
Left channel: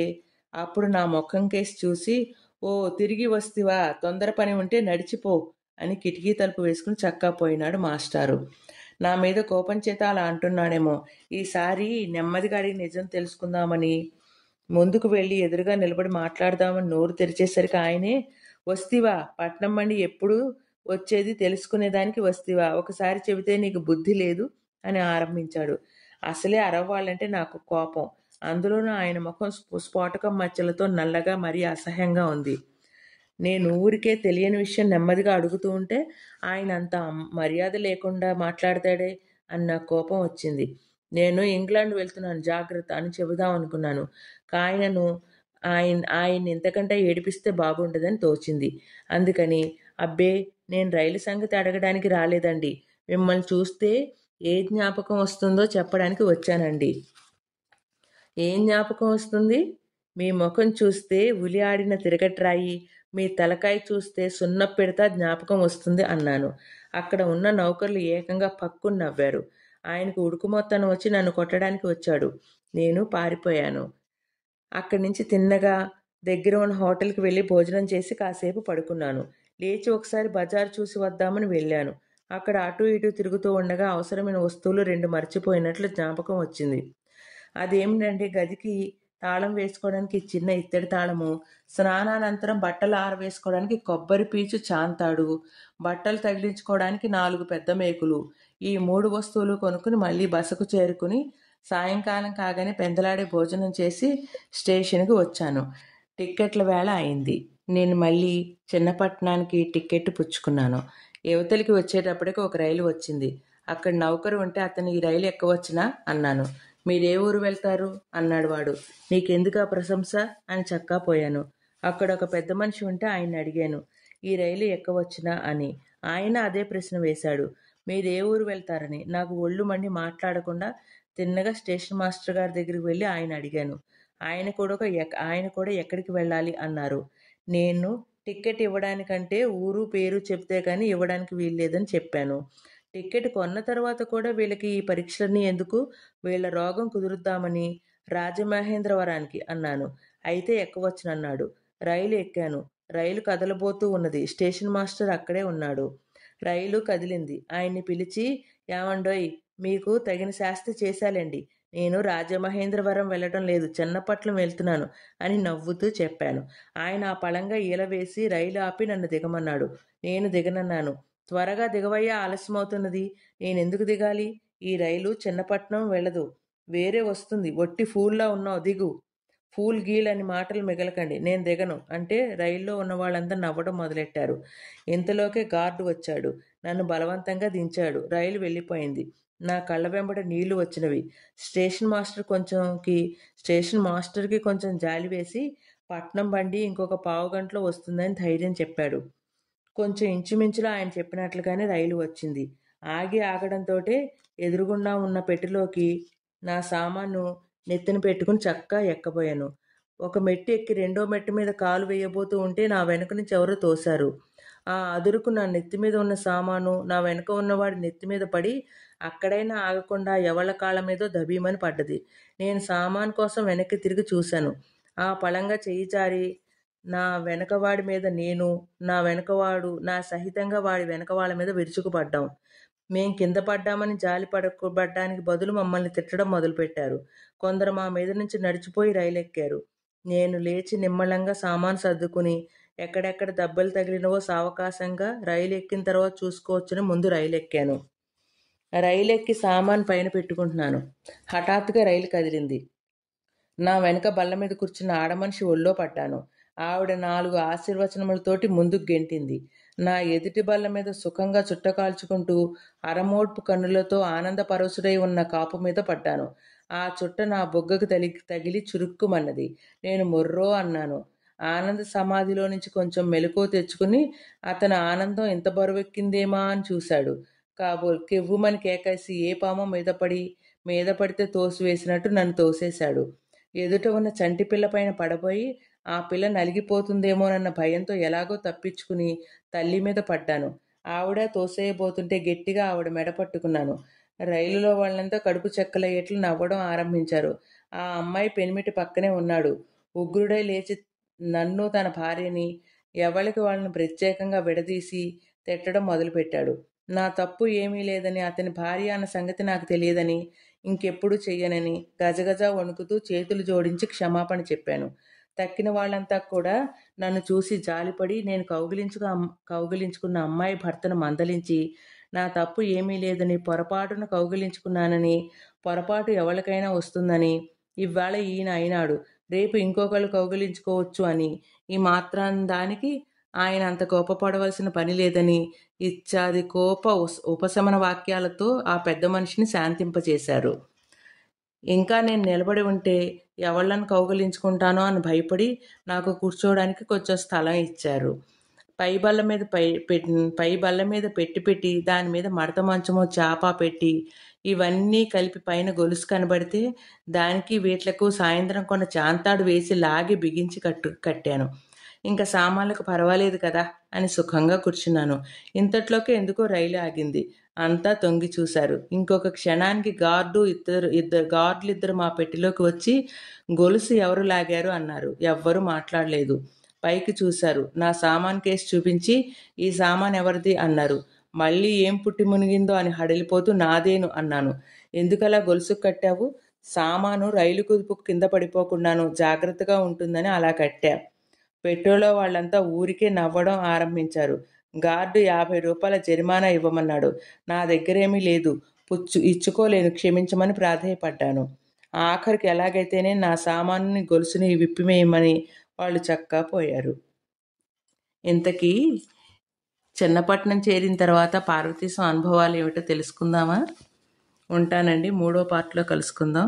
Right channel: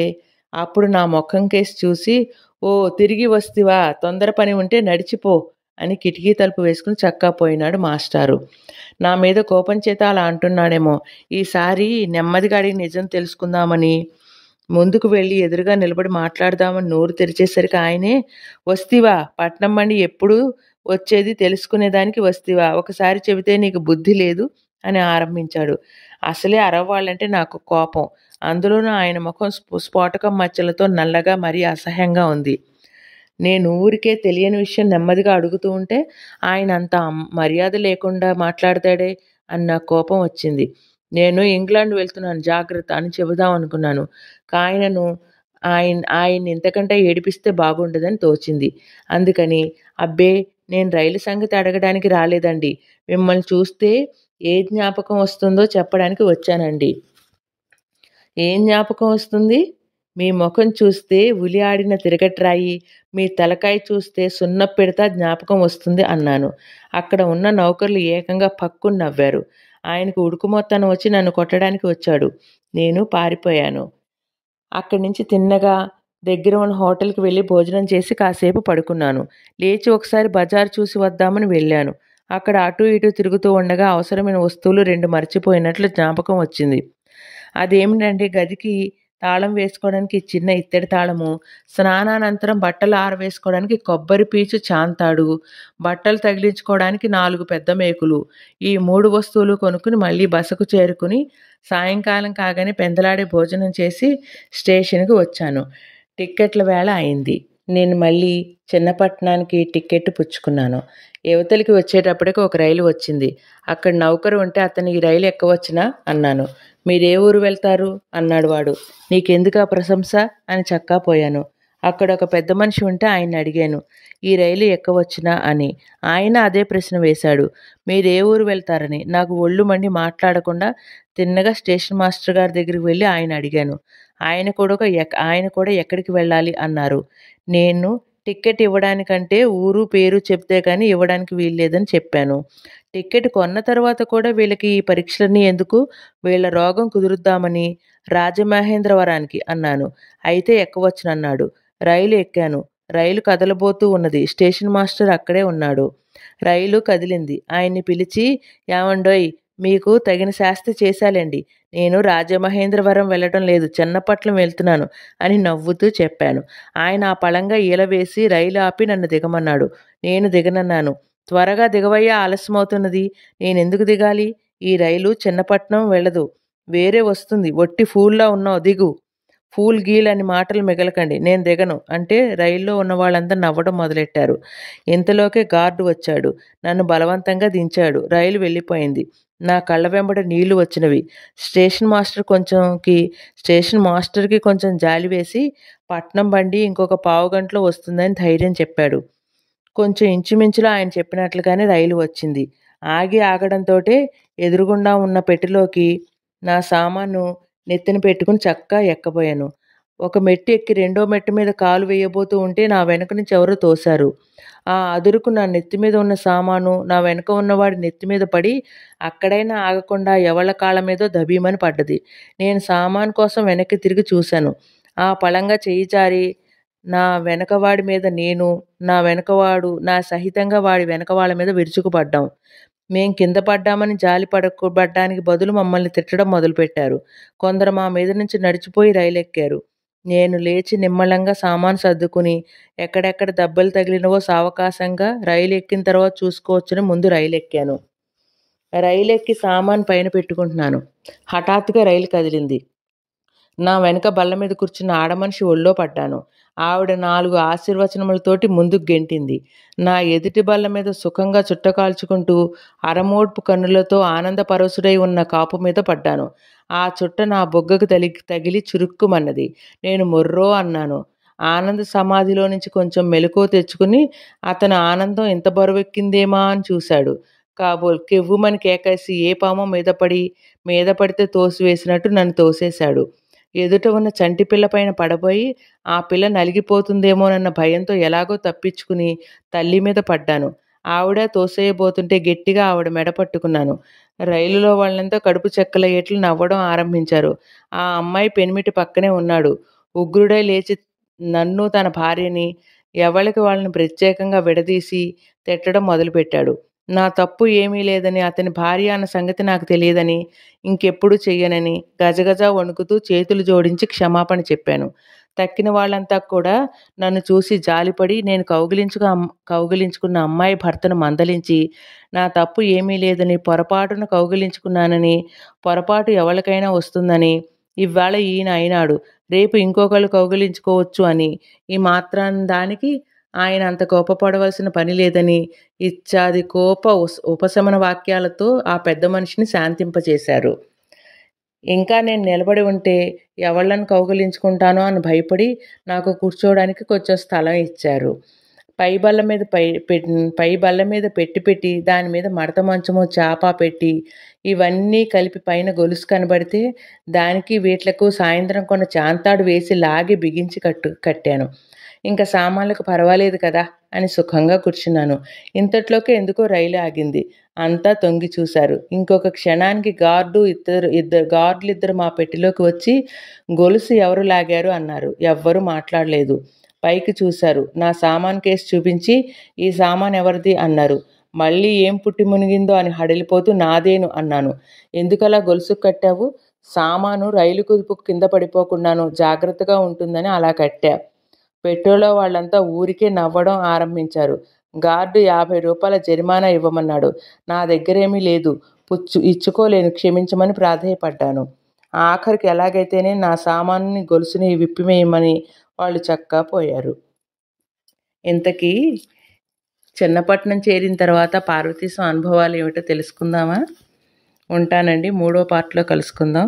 అప్పుడు నా ముఖం కేసి చూసి, ఓ తిరిగి వస్తివా, తొందర పని ఉంటే నడిచిపో అని కిటికీ తలుపు వేసుకుని చక్కా పోయినాడు మాస్టారు. నా మీద కోపం చేత అలా అంటున్నాడేమో. ఈసారి నెమ్మదిగా అడిగి నిజం తెలుసుకుందామని ముందుకు వెళ్ళి ఎదురుగా నిలబడి మాట్లాడదామని నోరు తెరిచేసరికి ఆయనే, వస్తివా, పట్నం బండి ఎప్పుడు వచ్చేది తెలుసుకునేదానికి వస్తివా, ఒకసారి చెబితే నీకు బుద్ధి లేదు అని ఆరంభించాడు. అసలే అరవ్వాళ్ళంటే నాకు కోపం. అందులోనూ ఆయన ముఖం స్ఫోటకం మచ్చలతో నల్లగా మరీ అసహ్యంగా ఉంది. నేను ఊరికే తెలియని విషయం నెమ్మదిగా అడుగుతూ ఉంటే ఆయన అంత మర్యాద లేకుండా మాట్లాడతాడే అని నాకు కోపం వచ్చింది. నేను ఇంగ్లాండ్ వెళ్తున్నాను, జాగ్రత్త అని చెబుదాం అనుకున్నాను. ఆయనను ఆయన్ని ఇంతకంటే ఏడిపిస్తే బాగుండదని తోచింది. అందుకని, అబ్బే, నేను రైలు సంగతి అడగడానికి రాలేదండి, మిమ్మల్ని చూస్తే ఏ జ్ఞాపకం వస్తుందో చెప్పడానికి వచ్చానండి. ఏం జ్ఞాపకం వస్తుంది? మీ ముఖం చూస్తే ఉలి ఆడిన తిరగట్రాయి, మీ తలకాయ చూస్తే సున్నపిడత జ్ఞాపకం వస్తుంది అన్నాను. అక్కడ ఉన్న నౌకర్లు ఏకంగా పక్కున నవ్వారు. ఆయనకు ఉడుకుమొత్తనం వచ్చి నన్ను కొట్టడానికి వచ్చాడు. నేను పారిపోయాను. అక్కడి నుంచి తిన్నగా దగ్గర ఉన్న హోటల్‌కి వెళ్ళి భోజనం చేసి కాసేపు పడుకున్నాను. లేచి ఒకసారి బజార్ చూసి వద్దామని వెళ్ళాను. అక్కడ అటూ ఇటూ తిరుగుతూ ఉండగా అవసరమైన వస్తువులు 2 మర్చిపోయినట్లు జ్ఞాపకం వచ్చింది. అదేమిటంటే గదికి తాళం వేసుకోవడానికి చిన్న ఇత్తడి తాళము, స్నానానంతరం బట్టలు ఆరవేసుకోవడానికి కొబ్బరి పీచు చాంతాడు, బట్టలు తగిలించుకోవడానికి 4 పెద్ద మేకులు. ఈ 3 వస్తువులు కొనుక్కుని మళ్ళీ బసకు చేరుకుని సాయంకాలం కాగానే పెందలాడే భోజనం చేసి స్టేషన్‌కి వచ్చాను. టిక్కెట్ల వేళ అయింది. నేను మళ్ళీ చిన్నపట్నానికి టిక్కెట్ పుచ్చుకున్నాను. ఇవతలికి వచ్చేటప్పటికి ఒక రైలు వచ్చింది. అక్కడ నౌకరు ఉంటే అతను ఈ రైలు ఎక్కవచ్చునా అన్నాను. మీరే ఊరు వెళ్తారు అన్నాడు వాడు. నీకెందుకా ప్రశంస అని చక్కాపోయాను. అక్కడ ఒక పెద్ద మనిషి ఉంటే ఆయన్ని అడిగాను. ఈ రైలు ఎక్కవచ్చునా అని. ఆయన అదే ప్రశ్న వేశాడు. మీరే ఊరు వెళ్తారని. నాకు ఒళ్ళు మండి మాట్లాడకుండా తిన్నగా స్టేషన్ మాస్టర్ గారి దగ్గరికి వెళ్ళి ఆయన అడిగాను. ఆయన కూడా ఎక్కడికి వెళ్ళాలి అన్నారు. నేను టిక్కెట్ ఇవ్వడానికంటే ఊరు పేరు చెప్తే కానీ ఇవ్వడానికి వీల్లేదని చెప్పాను. టిక్కెట్ కొన్న తర్వాత కూడా వీళ్ళకి ఈ పరీక్షలన్నీ ఎందుకు? వీళ్ళ రోగం కుదురుద్దామని రాజమహేంద్రవరానికి అన్నాను. అయితే ఎక్కవచ్చునన్నాడు. రైలు ఎక్కాను. రైలు కదలబోతూ ఉన్నది. స్టేషన్ మాస్టర్ అక్కడే ఉన్నాడు. రైలు కదిలింది. ఆయన్ని పిలిచి, ఏమండోయ్! మీకు తగిన శాస్తి చేశాలేండి. నేను రాజమహేంద్రవరం వెళ్ళడం లేదు, చన్నపట్నం వెళ్తున్నాను అని నవ్వుతూ చెప్పాను. ఆయన ఆ పళంగా ఈల వేసి రైలు ఆపి నన్ను దిగమన్నాడు. నేను దిగనన్నాను. త్వరగా దిగవయ్యా, ఆలస్యమవుతున్నది. నేనెందుకు దిగాలి? ఈ రైలు చిన్నపట్నం వెళ్ళదు. వేరే వస్తుంది. ఒట్టి ఫూల్లా ఉన్నావు, దిగు. ఫూల్ గీల్ అని మాటలు మిగలకండి. నేను దిగను అంటే రైల్లో ఉన్న వాళ్ళంతా నవ్వడం మొదలెట్టారు. ఇంతలోకే గార్డు వచ్చాడు. నన్ను బలవంతంగా దించాడు. రైలు వెళ్ళిపోయింది. నా కళ్ళ వెంబడ నీళ్లు వచ్చినవి. స్టేషన్ మాస్టర్కి కొంచెం జాలి వేసి పట్నం బండి ఇంకొక పావుగంటలో వస్తుందని ధైర్యం చెప్పాడు. కొంచెం ఇంచుమించులో ఆయన చెప్పినట్లుగానే రైలు వచ్చింది. ఆగడంతోటే ఎదురుగుండా ఉన్న పెట్టెలోకి నా సామాను నెత్తిన పెట్టుకుని చక్కా ఎక్కబోయాను. ఒక మెట్టు ఎక్కి రెండో మెట్టు మీద కాలు వేయబోతూ ఉంటే నా వెనక నుంచి ఎవరో తోశారు. ఆ అదురుకు నా నెత్తి మీద ఉన్న సామాను నా వెనక ఉన్నవాడి నెత్తి మీద పడి అక్కడైనా ఆగకుండా ఎవళ్ళ కాళ్ళ మీదో దబీమని పడ్డది. నేను సామాను కోసం వెనక్కి తిరిగి చూశాను. ఆ పళంగా చెయ్యి జారి నా వెనకవాడి మీద నేను, నా వెనకవాడు నా సహితంగా వాడి వెనక వాళ్ళ మీద విరుచుకుపడ్డాం. మేం కింద పడ్డామని పడ్డానికి బదులు మమ్మల్ని తిట్టడం మొదలుపెట్టారు. కొందరు మా మీద నుంచి నడిచిపోయి రైలెక్కారు. నేను లేచి నిమ్మళంగా సామాను సర్దుకుని ఎక్కడెక్కడ దెబ్బలు తగిలినవో సావకాశంగా రైలు ఎక్కిన తర్వాత చూసుకోవచ్చని ముందు రైలెక్కాను. రైలెక్కి సామాను పైన పెట్టుకుంటున్నాను. హఠాత్తుగా రైలు కదిలింది. నా వెనక బల్ల మీద కూర్చున్న ఆడమనిషి ఒళ్ళో పడ్డాను. ఆవిడ 4 ఆశీర్వచనములతోటి ముందుకు గెంటింది. నా ఎదుటి బల్ల మీద సుఖంగా చుట్ట కాల్చుకుంటూ అరమోడ్పు కన్నులతో ఆనందపరవశుడై ఉన్న కాపు మీద పడ్డాను. ఆ చుట్ట నా బొగ్గకు తగిలి చురుక్కుమన్నది. నేను మొర్రో అన్నాను. ఆనంద సమాధిలో నుంచి కొంచెం మెలకువ తెచ్చుకుని అతని ఆనందం ఇంత బరువెక్కిందేమా అని చూశాడు. కాబోలు కెవ్వుమని కేకేసి ఏ పామో మీద పడితే తోసివేసినట్టు నన్ను తోసేశాడు. ఎదుట ఉన్న చంటి పిల్ల పైన పడబోయి ఆ పిల్ల నలిగిపోతుందేమోనన్న భయంతో ఎలాగో తప్పించుకుని తల్లి మీద పడ్డాను. ఆవిడ తోసేయబోతుంటే గట్టిగా ఆవిడ మెడ పట్టుకున్నాను. రైలులో వాళ్ళంతా కడుపు చెక్కలయ్యేట్లు నవ్వడం ఆరంభించారు. ఆ అమ్మాయి పెనిమిటి పక్కనే ఉన్నాడు. ఉగ్రుడై లేచి నన్ను తన భార్యని ఎవళ్ళకి వాళ్ళని ప్రత్యేకంగా విడదీసి తిట్టడం మొదలుపెట్టాడు. నా తప్పు ఏమీ లేదని, అతని భార్య అన్న సంగతి నాకు తెలియదని, ఇంకెప్పుడు చెయ్యనని గజగజ వణుకుతూ చేతులు జోడించి క్షమాపణ చెప్పాను. తక్కిన వాళ్ళంతా కూడా నన్ను చూసి జాలిపడి నేను కౌగిలించుకున్న అమ్మాయి భర్తను మందలించి నా తప్పు ఏమీ లేదని, పొరపాటున కౌగిలించుకున్నానని, పొరపాటు ఎవరికైనా వస్తుందని, ఇవాళ ఈయన అయినాడు, రేపు ఇంకొకళ్ళు కౌగిలించుకోవచ్చు అని, ఈ మాత్రానికి ఆయన అంత కోపపడవలసిన పని లేదని ఇత్యాది ఉపశమన వాక్యాలతో ఆ పెద్ద మనిషిని శాంతింపచేశారు. ఇంకా నేను నిలబడి ఉంటే ఎవళ్ళని కౌగిలించుకుంటానో అని భయపడి నాకు కూర్చోవడానికి కొంచెం స్థలం ఇచ్చారు. పై బల్ల మీద పెట్టి దాని మీద మడత మంచమో చాప పెట్టి ఇవన్నీ కలిపి పైన గొలుసు కనబడితే దానికి వీట్లకు సాయంత్రం కొన్న చాంతాడు వేసి లాగి బిగించి కట్టాను. ఇంకా సామాన్లకు పర్వాలేదు కదా అని సుఖంగా కూర్చున్నాను. ఇంతట్లోకి ఎందుకో రైలు ఆగింది. అంతా తొంగి చూశారు. ఇంకొక క్షణానికి గార్డులిద్దరు మా పెట్టెలోకి వచ్చి గొలుసు ఎవరు లాగారు అన్నారు. ఎవ్వరూ మాట్లాడలేదు. పైకి చూశారు. నా సామాను కేసు చూపించి ఈ సామాను ఎవరిది అన్నారు. మళ్ళీ ఏం పుట్టి మునిగిందో అని హడలిపోతూ నాదేను అన్నాను. ఎందుకలా గొలుసుకు కట్టావు? సామాను రైలు కుదుపు కింద పడిపోకుండాను జాగ్రత్తగా ఉంటుందని అలా కట్టా. పెట్టెలో వాళ్ళంతా ఊరికే నవ్వడం ఆరంభించారు. గార్డు 50 రూపాయల జరిమానా ఇవ్వమన్నాడు. నా దగ్గరేమీ లేదు. ఇచ్చుకోలేను, క్షమించమని ప్రాధేయపడ్డాను. ఆఖరికి ఎలాగైతేనే నా సామానుని గొలుసుని విప్పివేయమని వాళ్ళు చక్కా పోయారు. ఇంతకీ చిన్నపట్నం చేరిన తర్వాత పార్వతీశం అనుభవాలు ఏమిటో తెలుసుకుందామా? ఉంటానండి. 3వ పార్ట్లో కలుసుకుందాం.